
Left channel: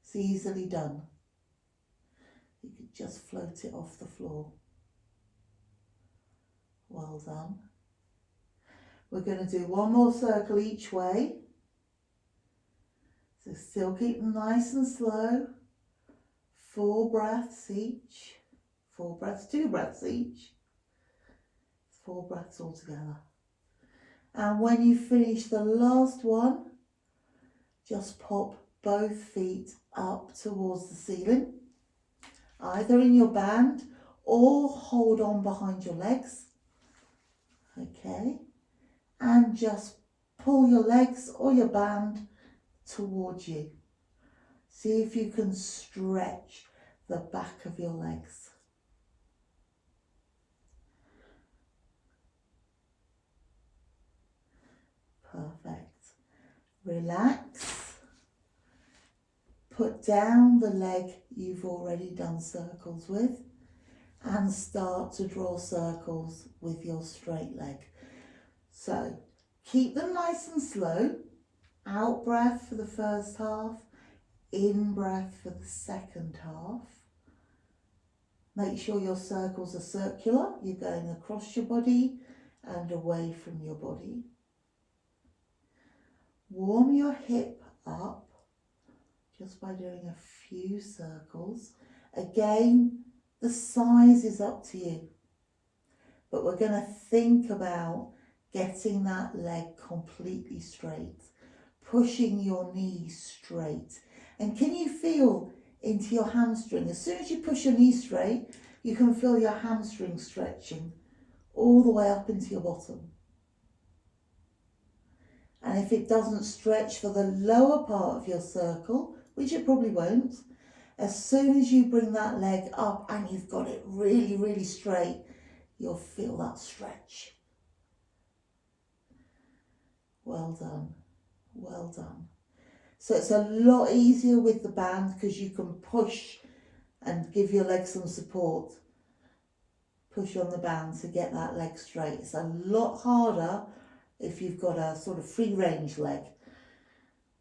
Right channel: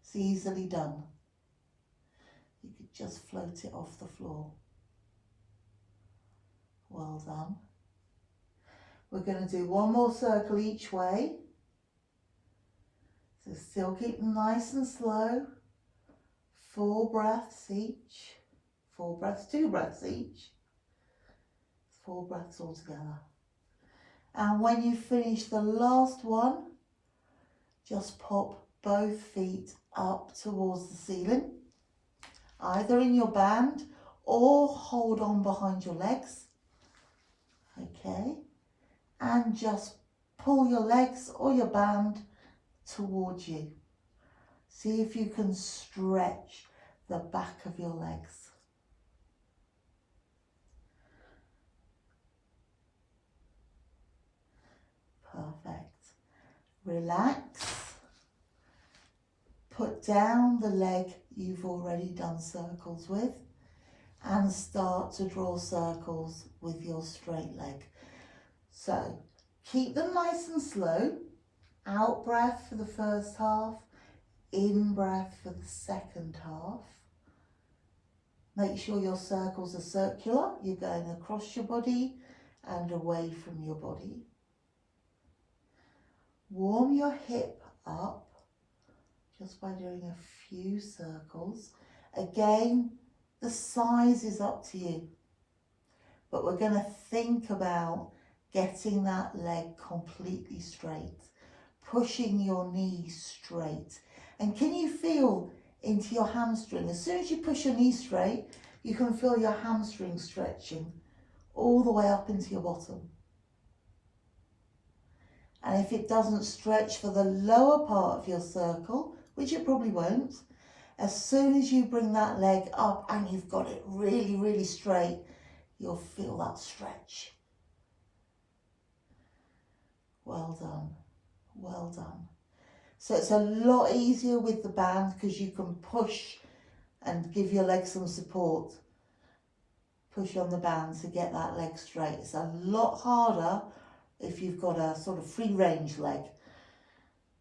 It's easily done. You could just float it off the floor. Well done. We're going to do one more circle each way. So still keep them nice and slow. 4 breaths each. 4 breaths, 2 breaths each. 4 breaths altogether. And when you finish the last one, just pop both feet up towards the ceiling, either in your band or hold on behind your legs. Okay, and just pull your legs or your band towards you. See if you can stretch the back of your legs. Perfect. Relax. Put down the leg you've already done circles with and start to draw circles with your straight leg. So keep them nice and slow. Out breath for the first half, in breath for the second half. Make sure your circles are circular. You're going across your body and away from your body. Warm your hip up just by doing a few circles. Again, the size is up to you, but we're going to think about getting that leg completely straight, pushing your knees straight. And can you feel into your hamstring? As soon as you push your knee straight, you can feel your hamstring stretching all the way up into your bottom. And if it doesn't stretch for the lower part of your circle, which it probably won't, as soon as you bring that leg up and you've got it really, really straight, you'll feel that stretch. Well done, well done. So it's a lot easier with the band because you can push and give your leg some support. Push on the band to get that leg straight. It's a lot harder if you've got a sort of free range leg.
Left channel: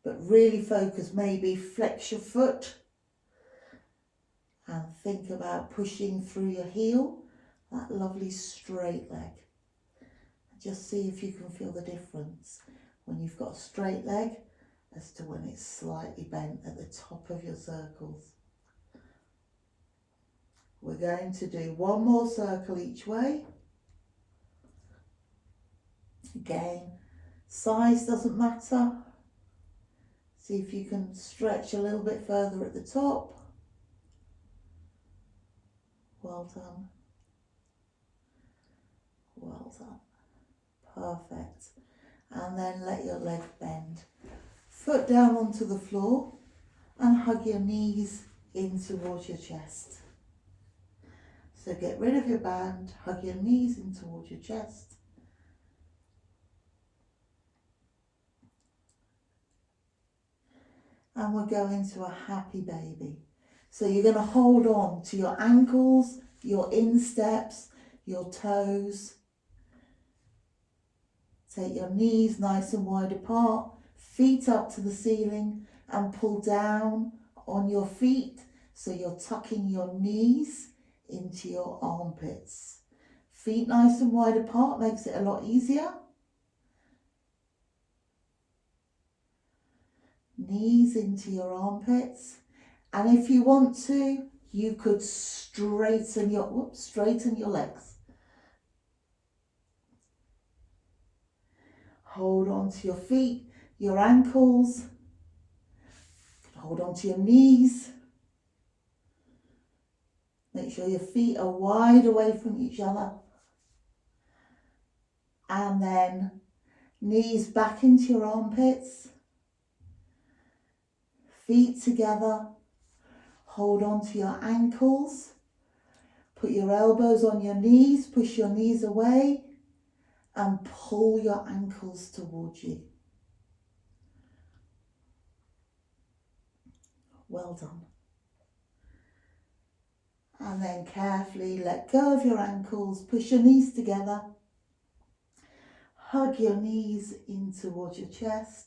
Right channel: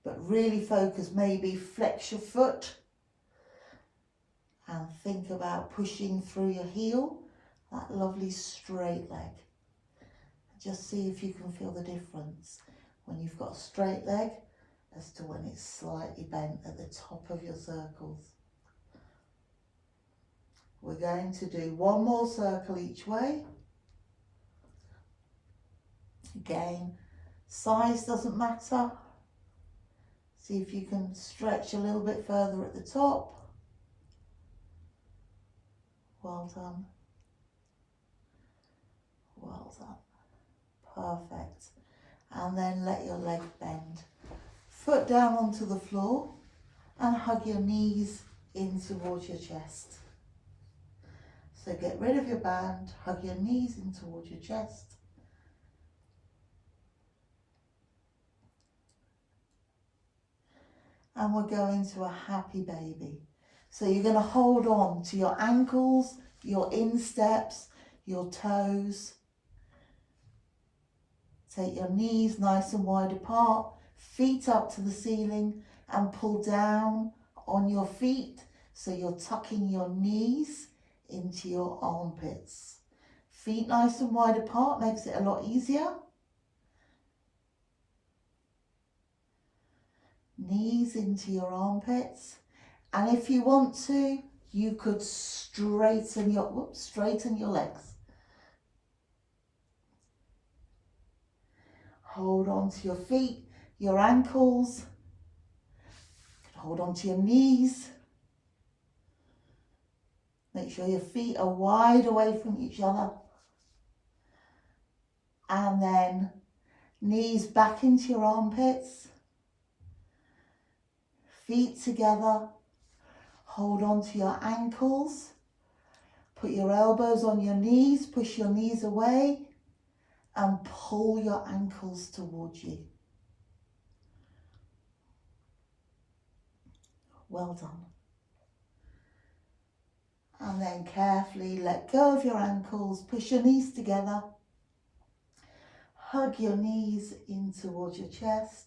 But really focus, maybe flex your foot and think about pushing through your heel, that lovely straight leg. Just see if you can feel the difference when you've got a straight leg as to when it's slightly bent at the top of your circles. We're going to do one more circle each way. Again, size doesn't matter. See if you can stretch a little bit further at the top. Well done. Well done. Perfect. And then let your leg bend. Foot down onto the floor and hug your knees in towards your chest. So get rid of your band, hug your knees in towards your chest. And we're going to a happy baby. So you're going to hold on to your ankles, your insteps, your toes. Take your knees nice and wide apart, feet up to the ceiling, and pull down on your feet so you're tucking your knees into your armpits. Feet nice and wide apart makes it a lot easier. Knees into your armpits, and if you want to, you could straighten your legs. Hold on to your feet, your ankles. Hold on to your knees. Make sure your feet are wide away from each other. And then knees back into your armpits. Feet together. Hold on to your ankles. Put your elbows on your knees. Push your knees away. And pull your ankles towards you. Well done. And then carefully let go of your ankles. Push your knees together. Hug your knees in towards your chest.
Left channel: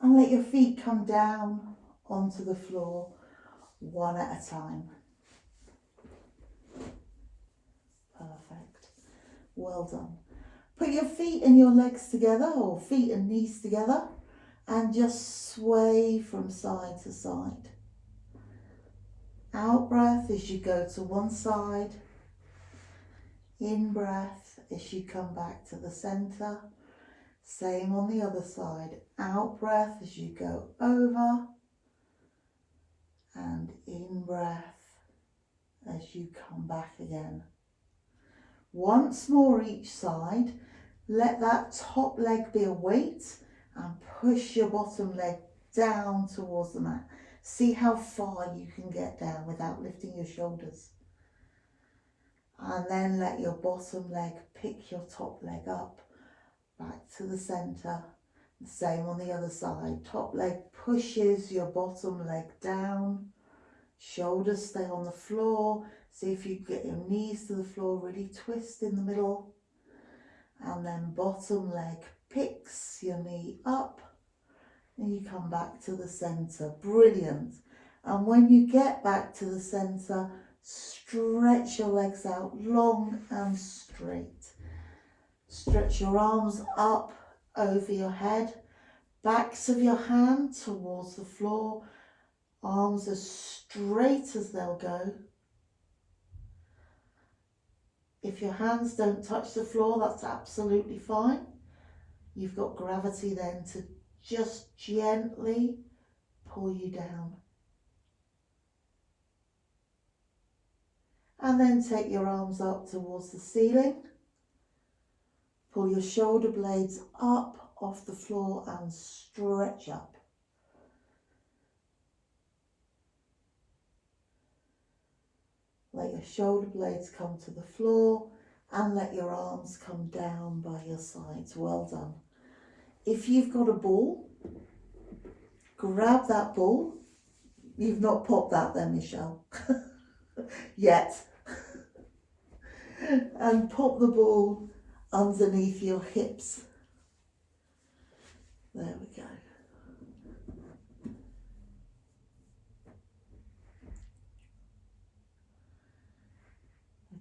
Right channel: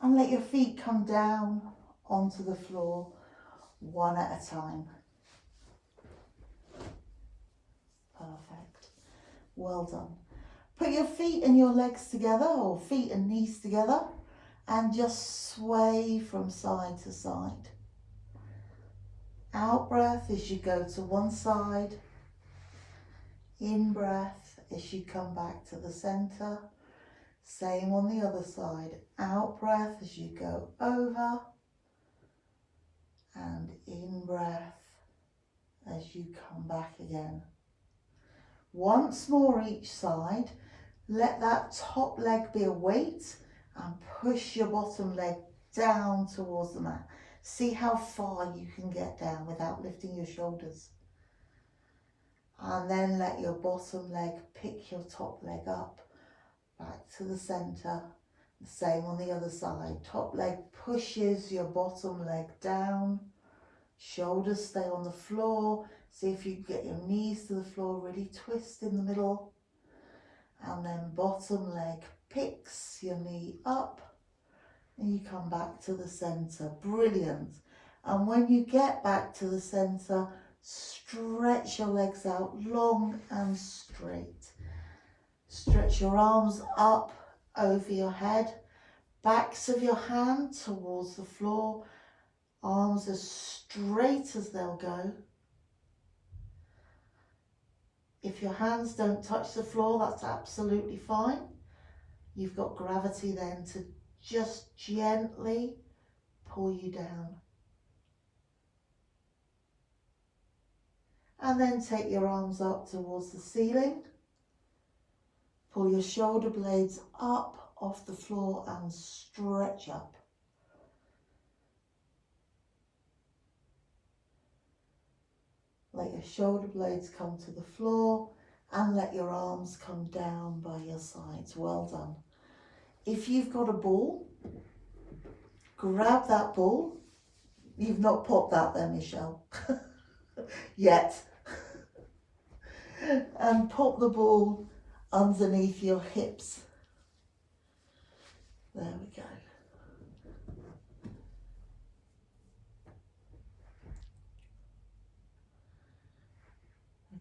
And let your feet come down onto the floor one at a time. Perfect. Well done. Put your feet and your legs together, or feet and knees together, and just sway from side to side. Out breath as you go to one side. In breath as you come back to the center. Same on the other side. Out breath as you go over. And in breath as you come back again. Once more each side. Let that top leg be a weight and push your bottom leg down towards the mat. See how far you can get down without lifting your shoulders. And then let your bottom leg pick your top leg up, back to the center. The same on the other side. Top leg pushes your bottom leg down. Shoulders stay on the floor. See if you get your knees to the floor, really twist in the middle. And then bottom leg picks your knee up and you come back to the center. Brilliant. And when you get back to the center, stretch your legs out long and straight. Stretch your arms up over your head, backs of your hand towards the floor, arms as straight as they'll go. If your hands don't touch the floor, that's absolutely fine. You've got gravity then to just gently pull you down. And then take your arms up towards the ceiling. Pull your shoulder blades up off the floor and stretch up. Let your shoulder blades come to the floor and let your arms come down by your sides. Well done. If you've got a ball, grab that ball. You've not popped that there, Michelle, yet. And pop the ball underneath your hips. There we go.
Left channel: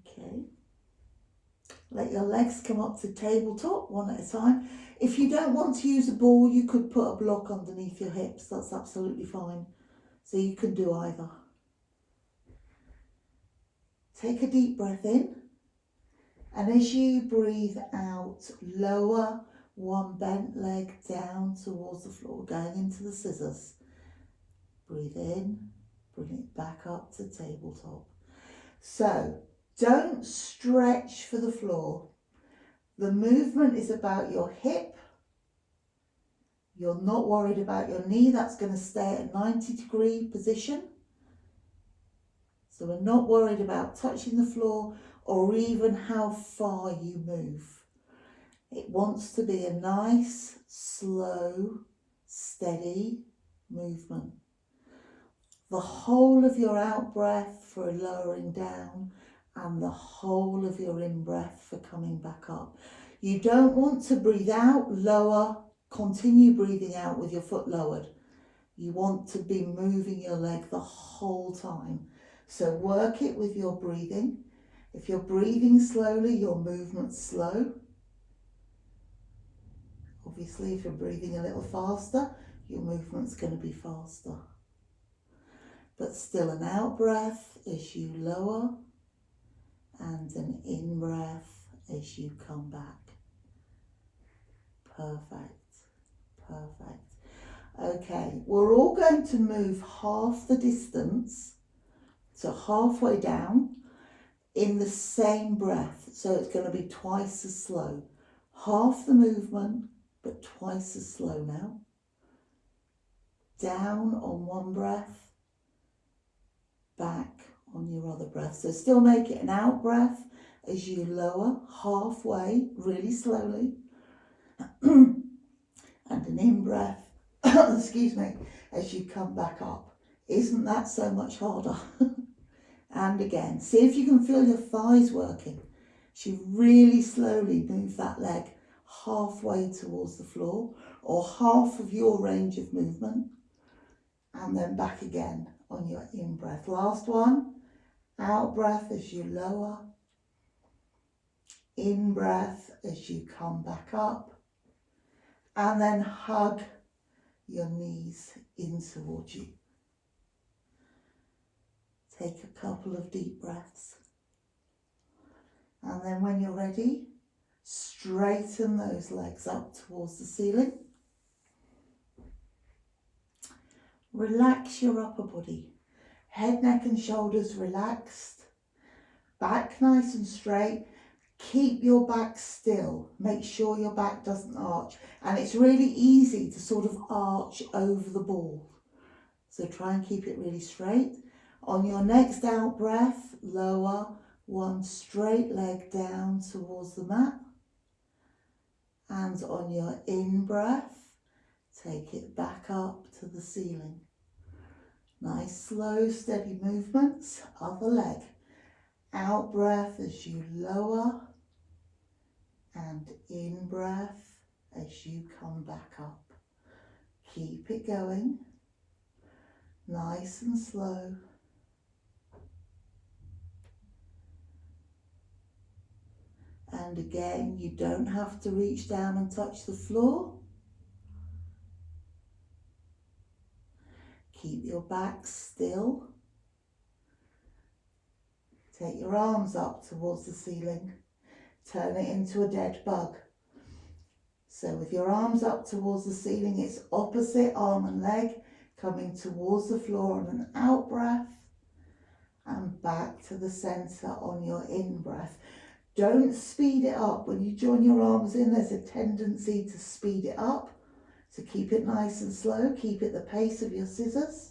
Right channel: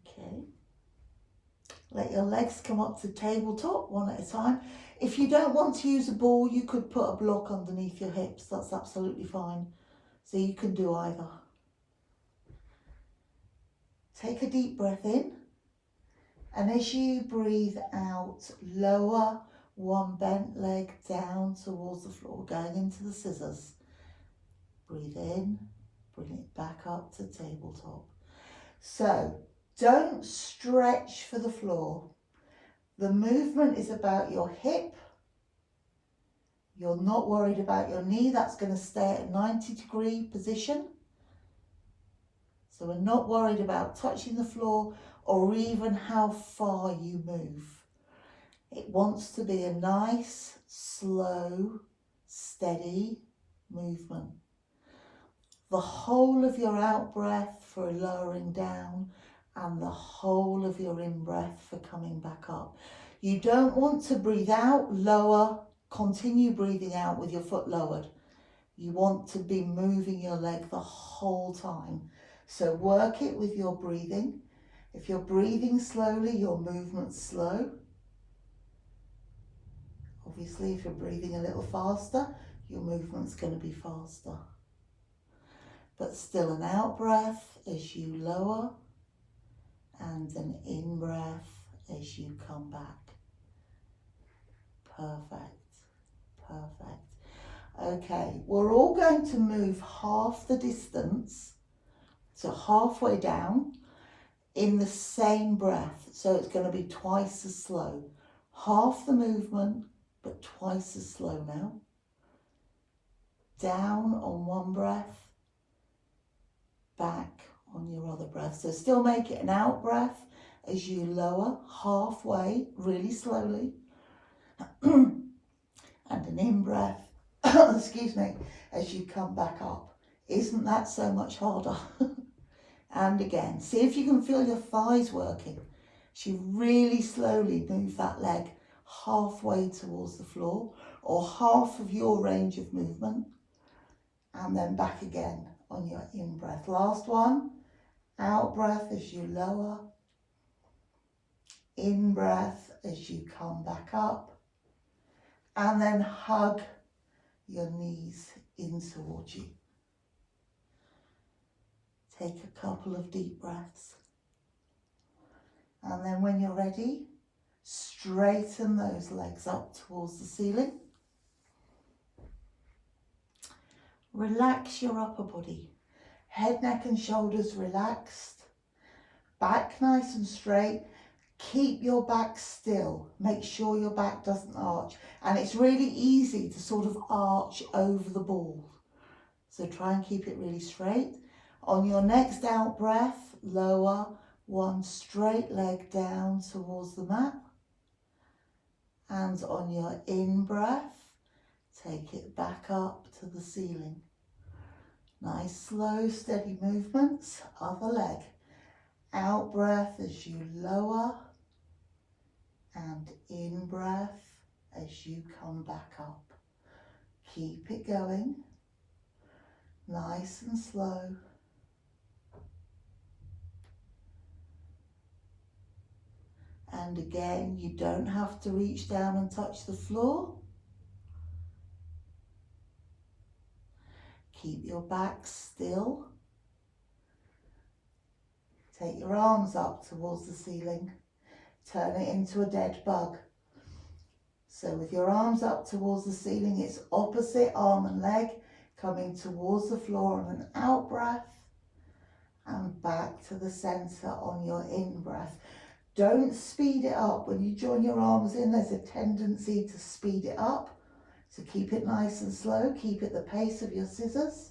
Okay. Let your legs come up to tabletop one at a time. If you don't want to use a ball, you could put a block underneath your hips. That's absolutely fine. So you can do either. Take a deep breath in. And as you breathe out, lower one bent leg down towards the floor, going into the scissors. Breathe in, bring it back up to tabletop. So don't stretch for the floor. The movement is about your hip. You're not worried about your knee. That's going to stay at a 90-degree position. So we're not worried about touching the floor or even how far you move. It wants to be a nice, slow, steady movement. The whole of your out breath for lowering down and the whole of your in breath for coming back up. You don't want to breathe out, lower, continue breathing out with your foot lowered. You want to be moving your leg the whole time. So work it with your breathing. If you're breathing slowly, your movement's slow. Obviously, if you're breathing a little faster, your movement's going to be faster. But still an out breath as you lower and an in breath as you come back. Perfect, perfect. Okay, we're all going to move half the distance, so halfway down, in the same breath. So it's going to be twice as slow. Half the movement, but twice as slow now. Down on one breath, back on your other breath. So still make it an out breath as you lower halfway, really slowly. And an in breath, excuse me, as you come back up. Isn't that so much harder? And again, see if you can feel your thighs working. As you really slowly move that leg halfway towards the floor or half of your range of movement, and then back again on your in breath. Last one, out breath as you lower, in breath as you come back up, and then hug your knees in towards you. Take a couple of deep breaths. And then when you're ready, straighten those legs up towards the ceiling. Relax your upper body. Head, neck and shoulders relaxed. Back nice and straight. Keep your back still. Make sure your back doesn't arch. And it's really easy to sort of arch over the ball. So try and keep it really straight. On your next out breath, lower one straight leg down towards the mat. And on your in breath, take it back up to the ceiling. Nice, slow, steady movements. Other leg. Out breath as you lower. And in breath as you come back up. Keep it going. Nice and slow. And again, you don't have to reach down and touch the floor. Keep your back still. Take your arms up towards the ceiling. Turn it into a dead bug. So with your arms up towards the ceiling, it's opposite arm and leg coming towards the floor on an out breath and back to the center on your in breath. Don't speed it up. When you join your arms in, there's a tendency to speed it up. So keep it nice and slow. Keep it the pace of your scissors.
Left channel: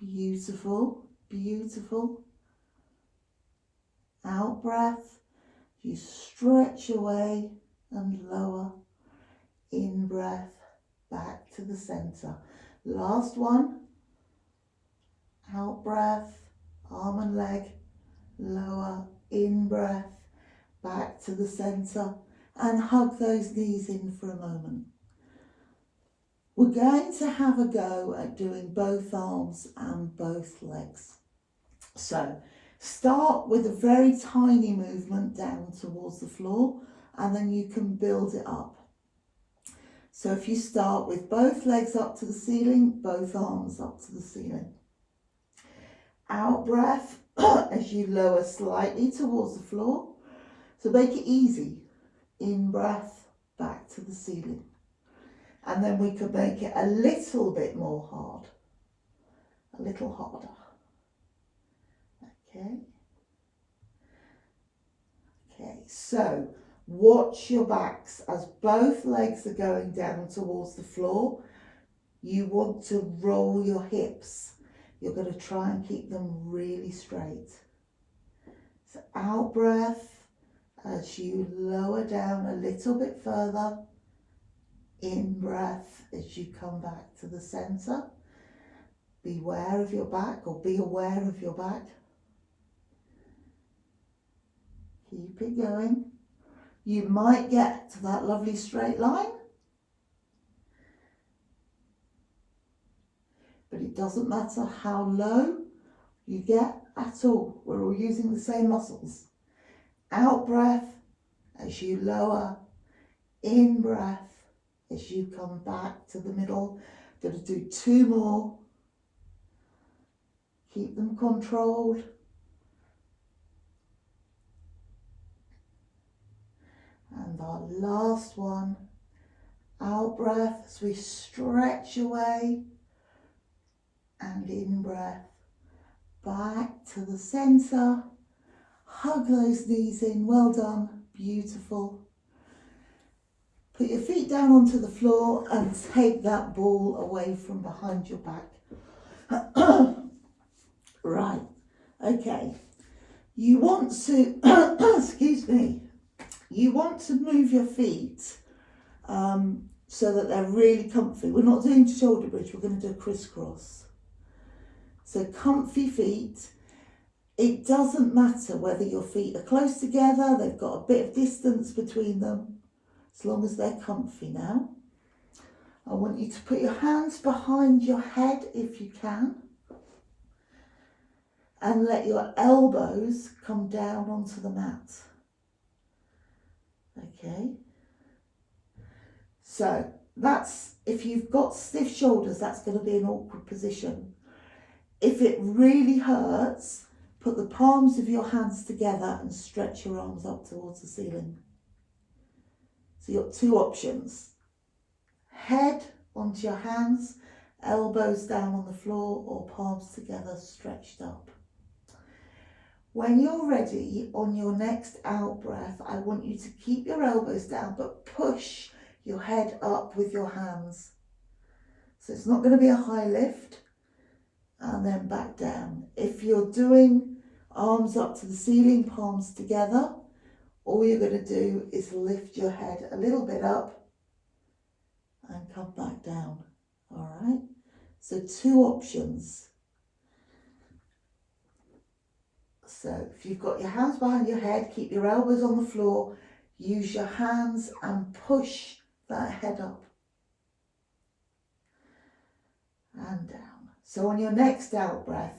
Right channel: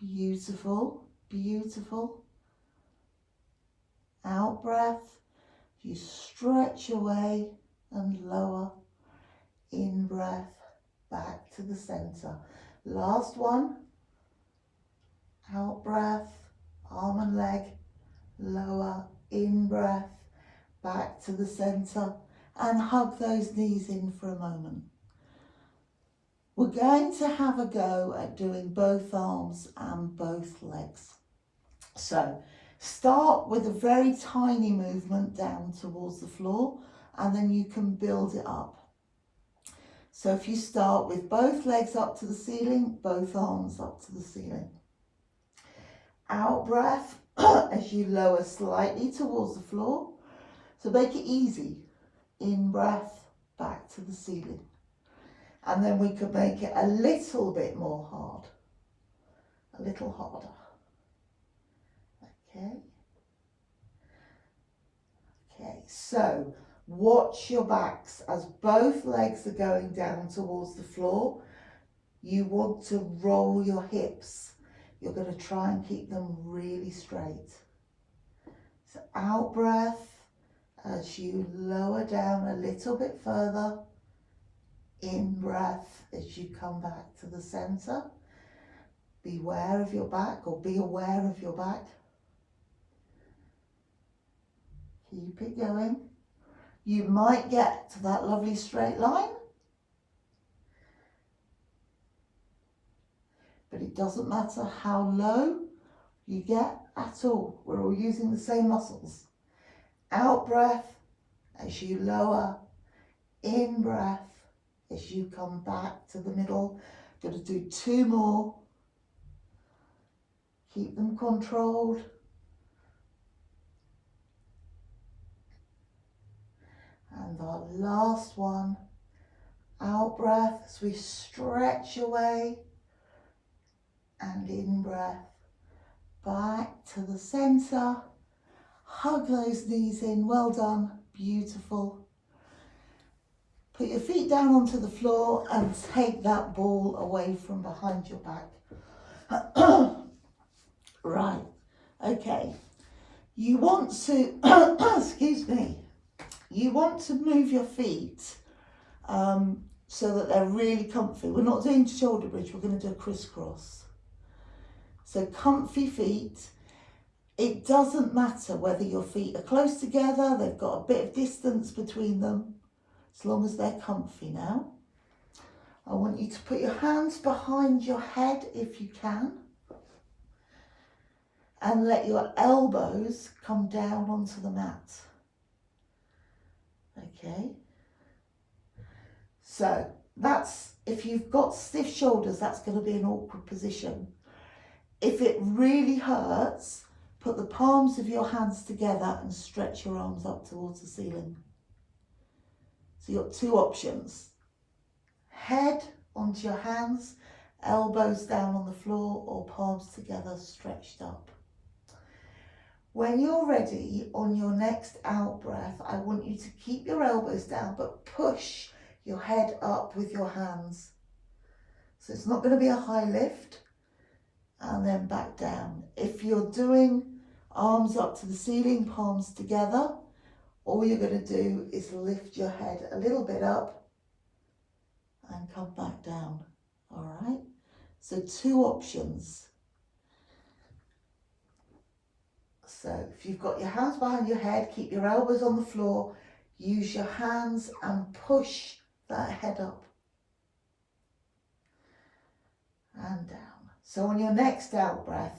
Beautiful, beautiful. Out breath. You stretch away and lower. In breath, back to the center. Last one. Out breath. Arm and leg, lower, in breath, back to the center, and hug those knees in for a moment. We're going to have a go at doing both arms and both legs. So start with a very tiny movement down towards the floor, and then you can build it up. So if you start with both legs up to the ceiling, both arms up to the ceiling. Out breath as you lower slightly towards the floor. So make it easy. In breath, back to the ceiling. And then we could make it a little bit more hard. A little harder. Okay. Okay, so watch your backs as both legs are going down towards the floor. You want to roll your hips. You're going to try and keep them really straight. So out breath as you lower down a little bit further. In breath as you come back to the center. Beware of your back, or be aware of your back. Keep it going. You might get to that lovely straight line. But it doesn't matter how low you get at all. We're all using the same muscles. Out breath as you lower. In breath as you come back to the middle. Going to do 2 more. Keep them controlled. And our last one. Out breath as we stretch away. And in breath, back to the center. Hug those knees in. Well done. Beautiful. Put your feet down onto the floor and take that ball away from behind your back. Right. Okay. You want to, excuse me, you want to move your feet so that they're really comfy. We're not doing shoulder bridge. We're going to do a crisscross. So comfy feet. It doesn't matter whether your feet are close together, they've got a bit of distance between them, as long as they're comfy now. I want you to put your hands behind your head if you can, and let your elbows come down onto the mat. Okay. So that's, if you've got stiff shoulders, that's going to be an awkward position. If it really hurts, put the palms of your hands together and stretch your arms up towards the ceiling. So you've got 2 options. Head onto your hands, elbows down on the floor, or palms together stretched up. When you're ready, on your next out breath, I want you to keep your elbows down, but push your head up with your hands. So it's not going to be a high lift, and then back down. If you're doing arms up to the ceiling, palms together, all you're going to do is lift your head a little bit up and come back down. All right, so 2 options. So if you've got your hands behind your head, keep your elbows on the floor, use your hands and push that head up and down. So on your next out breath,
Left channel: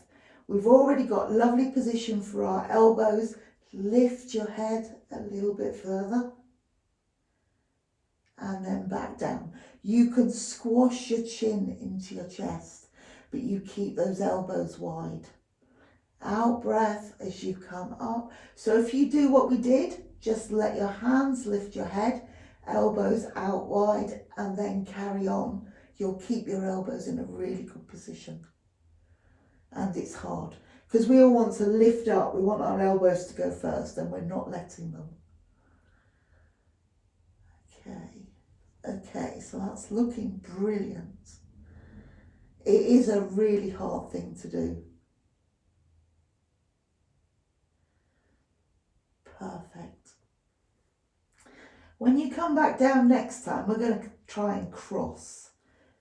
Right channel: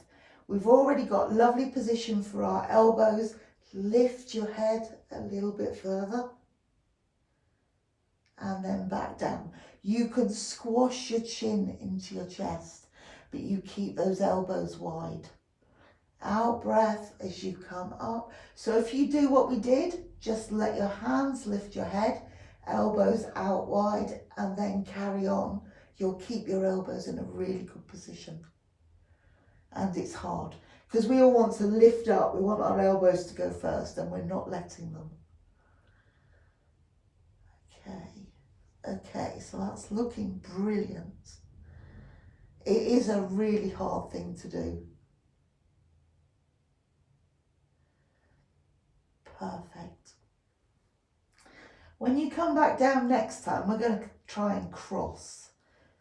we've already got lovely position for our elbows. Lift your head a little bit further and then back down. You can squash your chin into your chest, but you keep those elbows wide. Out breath as you come up. So if you do what we did, just let your hands lift your head, elbows out wide, and then carry on. You'll keep your elbows in a really good position. And it's hard because we all want to lift up. We want our elbows to go first and we're not letting them. Okay, so that's looking brilliant. It is a really hard thing to do. Perfect. When you come back down next time, we're going to try and cross.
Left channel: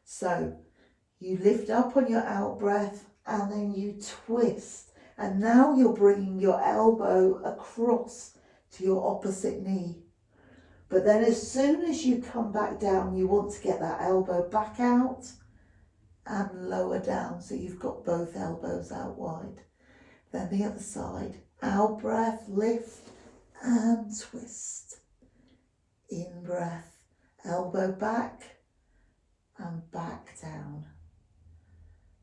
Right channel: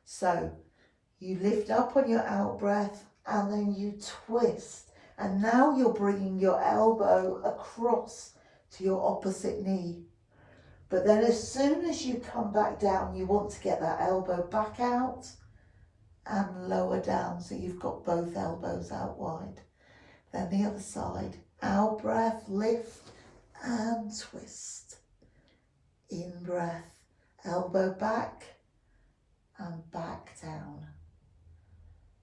So you lift up on your out breath and then you twist. And now you're bringing your elbow across to your opposite knee. But then as soon as you come back down, you want to get that elbow back out and lower down. So you've got both elbows out wide. Then the other side, out breath, lift and twist. In breath, elbow back and back down.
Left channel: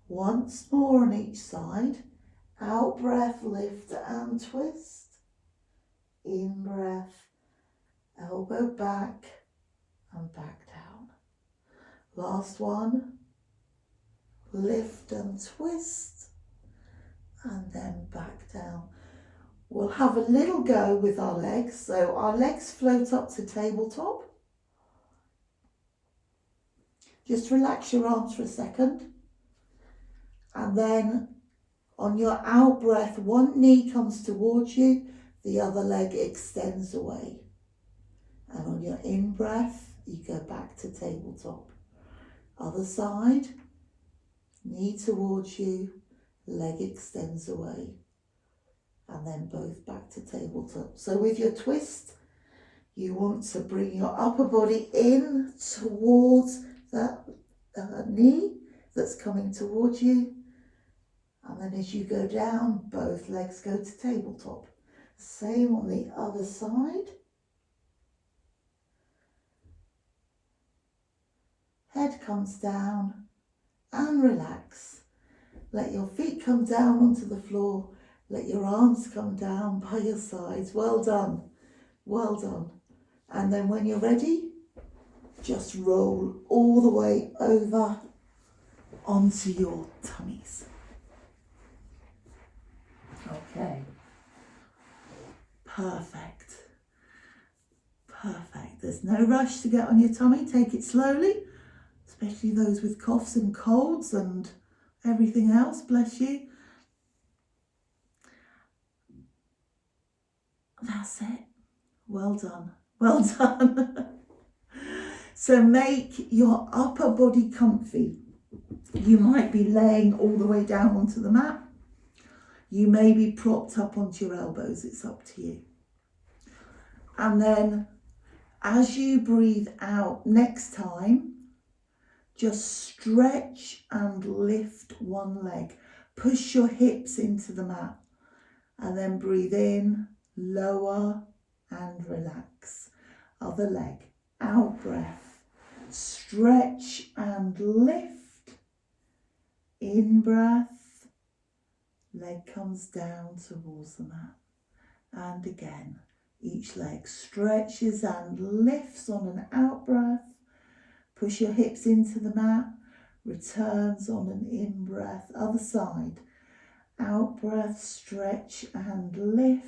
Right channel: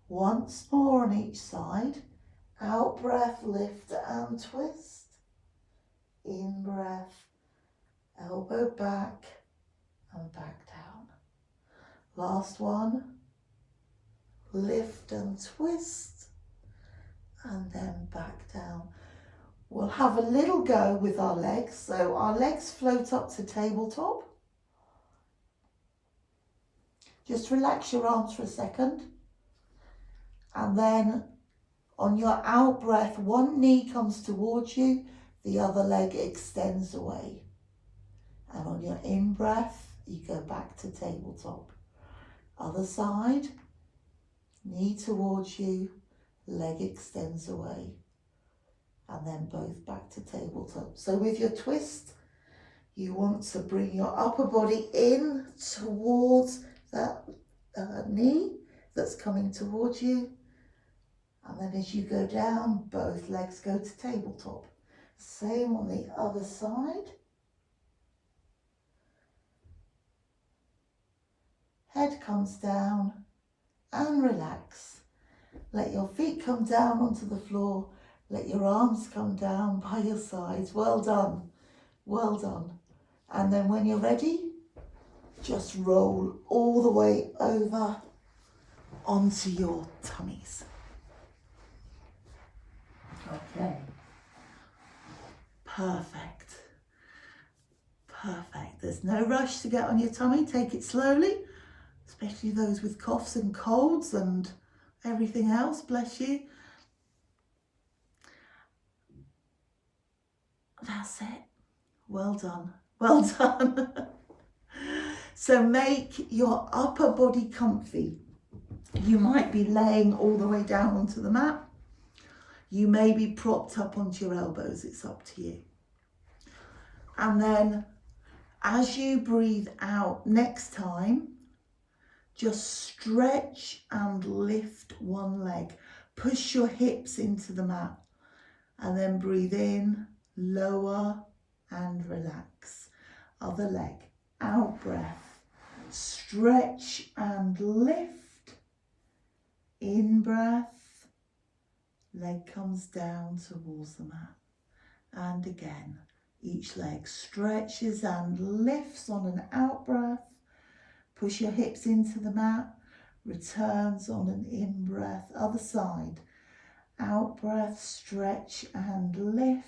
Once more on each side, out breath, lift and twist. In breath, elbow back and back down. Last one, lift and twist and then back down. We'll have a little go with our legs. So our legs float up to tabletop. Just relax your arms for a second. And then on your out breath, one knee comes towards you, the other leg extends away. And on your in breath, you go back to tabletop. Other side, knee towards you, leg extends away. And then both back to tabletop. So with your twist, you want to bring your upper body in towards that knee that's coming towards you. And then as you go down, both legs go to tabletop. Same on the other side. Head comes down and relax. Let your feet come down onto the floor. Let your arms come down by your sides. Well done. Well done. And then when you're ready, just roll all the way over onto your tummies. Okay. Perfect. Perfect. There's no rush to get on your tummy. Take it slowly, especially those with coughs and colds and everything else. Bless you. That's it. Well done. Well done. So make your upper body comfy. You might be laying all the way down onto the mat. You may be propped up onto your elbows. It's up to you. And then as you breathe out next time, just stretch and lift one leg. Push your hips into the mat. And then breathe in, lower and relax. Other leg, out breath. Stretch and lift. In breath. Leg comes down towards the mat. And again, each leg stretches and lifts on an out breath. Push your hips into the mat. Returns on an in breath. Other side. Out breath, stretch and lift.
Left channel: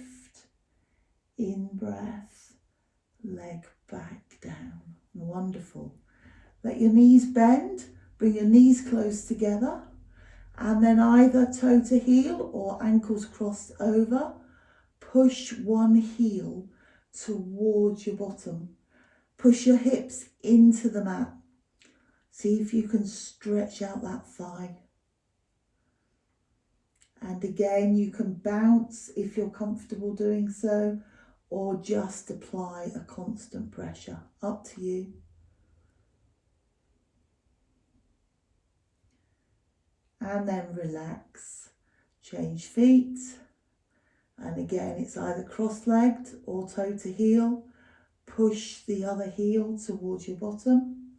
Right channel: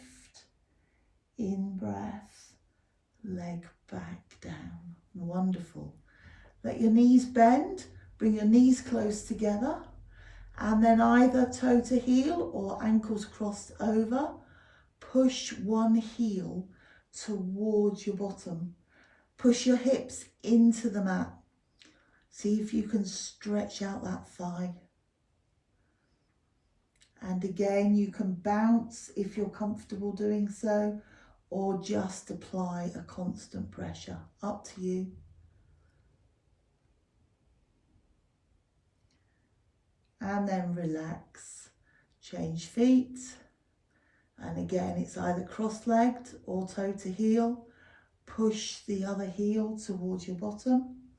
In breath, leg back down. Wonderful. Let your knees bend, bring your knees close together, and then either toe to heel or ankles crossed over. Push one heel towards your bottom. Push your hips into the mat. See if you can stretch out that thigh. And again, you can bounce if you're comfortable doing so, or just apply a constant pressure. Up to you. And then relax. Change feet. And again, it's either cross-legged or toe to heel. Push the other heel towards your bottom.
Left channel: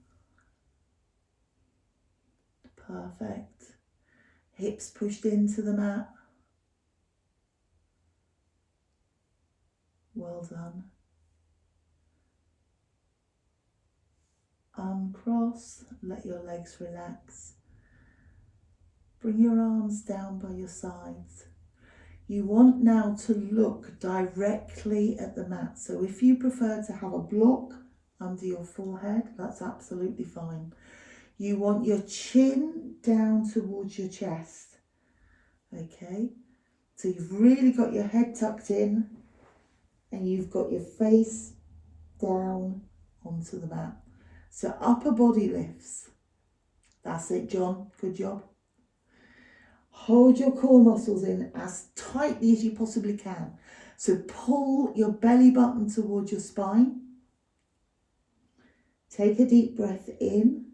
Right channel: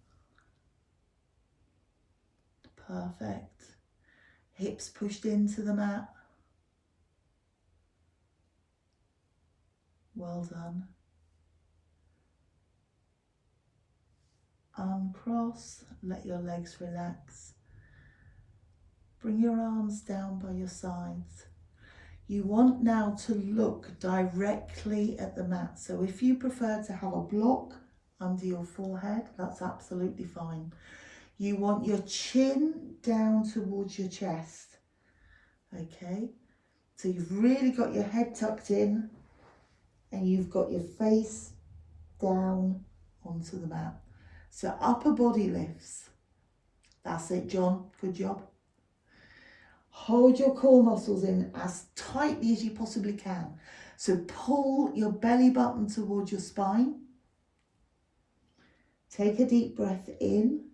Perfect. Hips pushed into the mat. Well done. Uncross, let your legs relax. Bring your arms down by your sides. You want now to look directly at the mat. So if you prefer to have a block under your forehead, that's absolutely fine. You want your chin down towards your chest. Okay, so you've really got your head tucked in and you've got your face down onto the mat. So upper body lifts. That's it, John. Good job. Hold your core muscles in as tightly as you possibly can. So pull your belly button towards your spine. Take a deep breath in.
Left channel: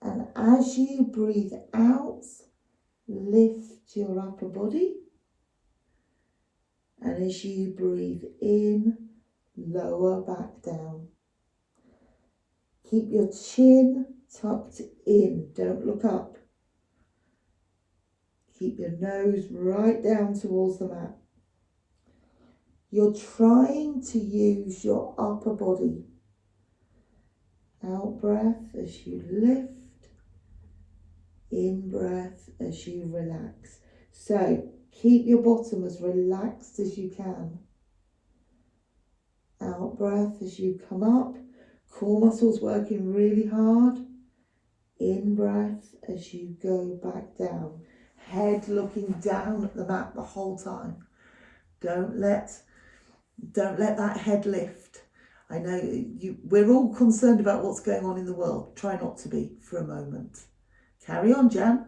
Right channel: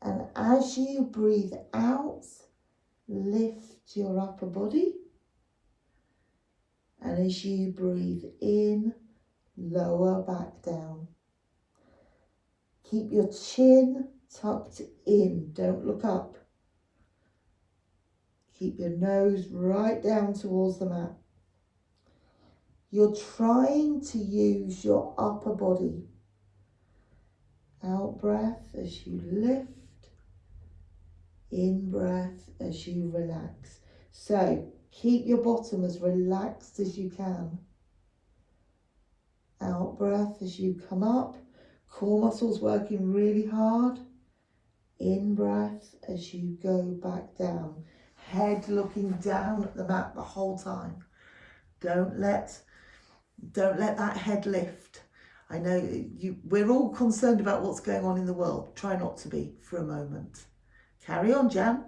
And as you breathe out, lift your upper body. And as you breathe in, lower back down. Keep your chin tucked in. Don't look up. Keep your nose right down towards the mat. You're trying to use your upper body. Out breath as you lift. In breath as you relax. So keep your bottom as relaxed as you can. Out breath as you come up. Core muscles working really hard. In breath as you go back down. Head looking down at the mat the whole time. Don't let that head lift. I know we're all concerned about what's going on in the world. Try not to be for a moment. Carry on, Jan.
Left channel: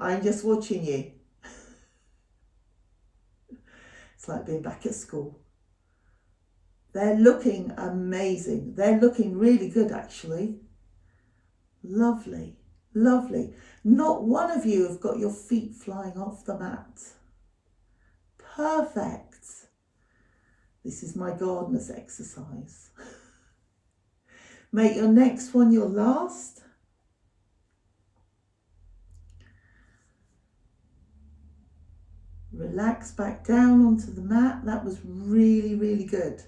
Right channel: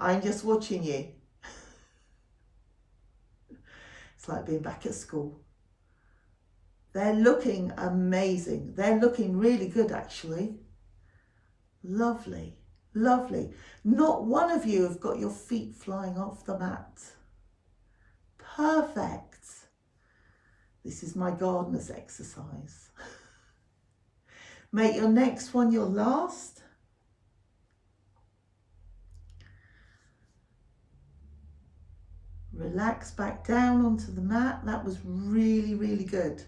I'm just watching you. It's like being back at school. They're looking amazing. They're looking really good, actually. Lovely, lovely. Not one of you have got your feet flying off the mat. Perfect. This is my gardener's exercise. Make your next one your last. Relax back down onto the mat. That was really, really good.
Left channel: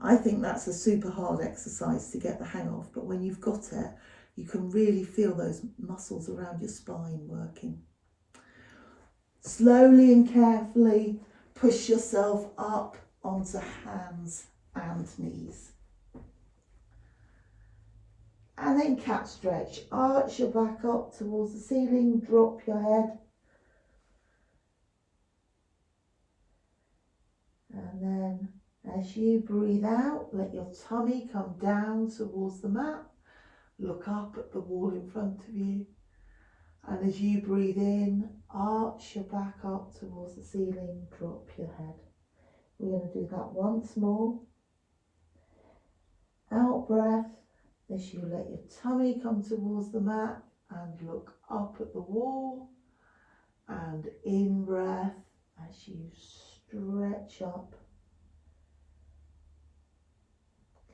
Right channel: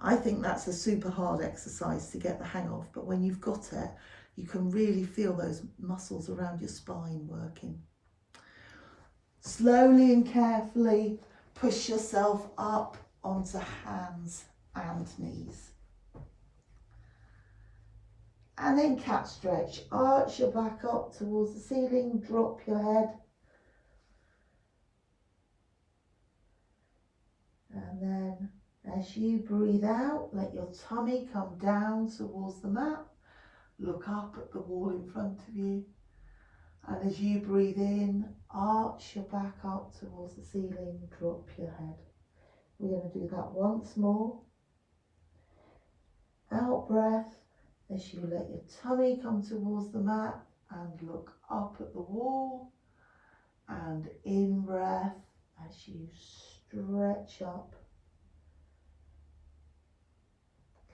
I think that's a super hard exercise to get the hang of, but when you've got it, you can really feel those muscles around your spine working. Slowly and carefully push yourself up onto hands and knees. And then cat stretch. Arch your back up towards the ceiling, drop your head. And then as you breathe out, let your tummy come down towards the mat. Look up at the wall in front of you. And as you breathe in, arch your back up towards the ceiling, drop your head. We're going to do that once more. Out breath as you let your tummy come towards the mat and look up at the wall. And in breath as you stretch up.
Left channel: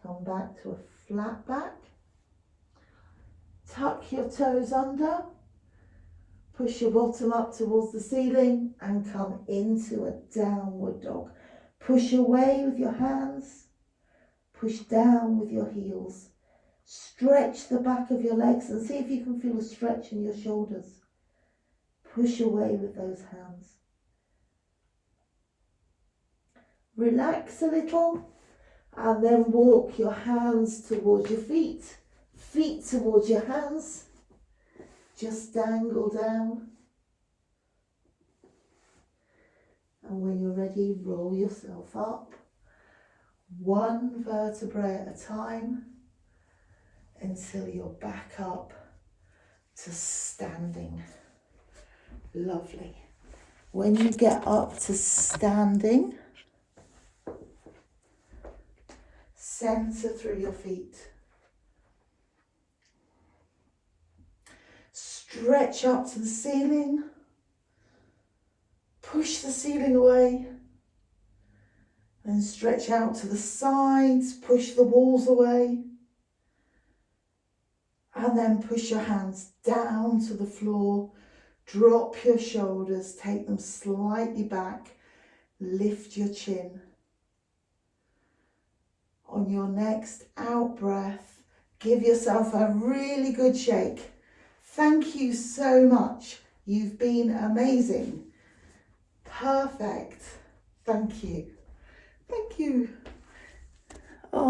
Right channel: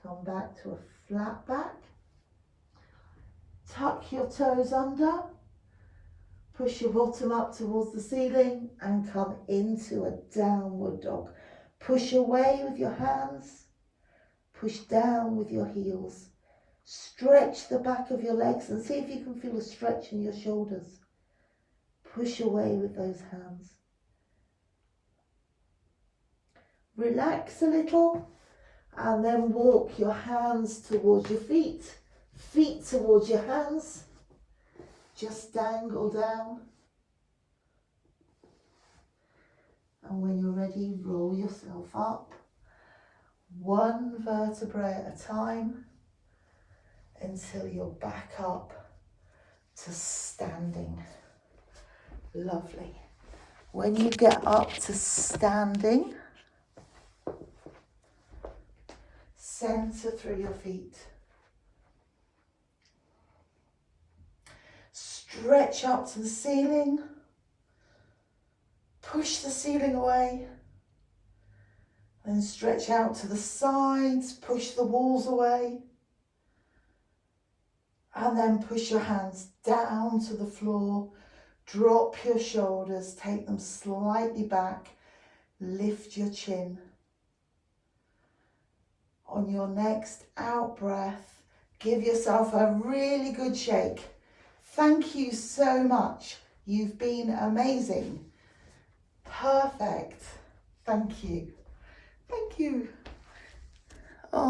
Come back to a flat back. Tuck your toes under. Push your bottom up towards the ceiling and come into a downward dog. Push away with your hands. Push down with your heels. Stretch the back of your legs and see if you can feel a stretch in your shoulders. Push away with those hands. Relax a little and then walk your hands towards your feet, feet towards your hands. Just dangle down. And when you're ready, roll yourself up, one vertebrae at a time, until you're back up to standing. Lovely. When you get up to standing, center through your feet. Stretch up to the ceiling. Push the ceiling away. Then stretch out to the sides. Push the walls away. And then push your hands down to the floor. Drop your shoulders. Take them slightly back. Lift your chin. On your next out breath, give yourself a really good shake. Thank you so much. You've been amazing. Perfect. Thank you. Thank you.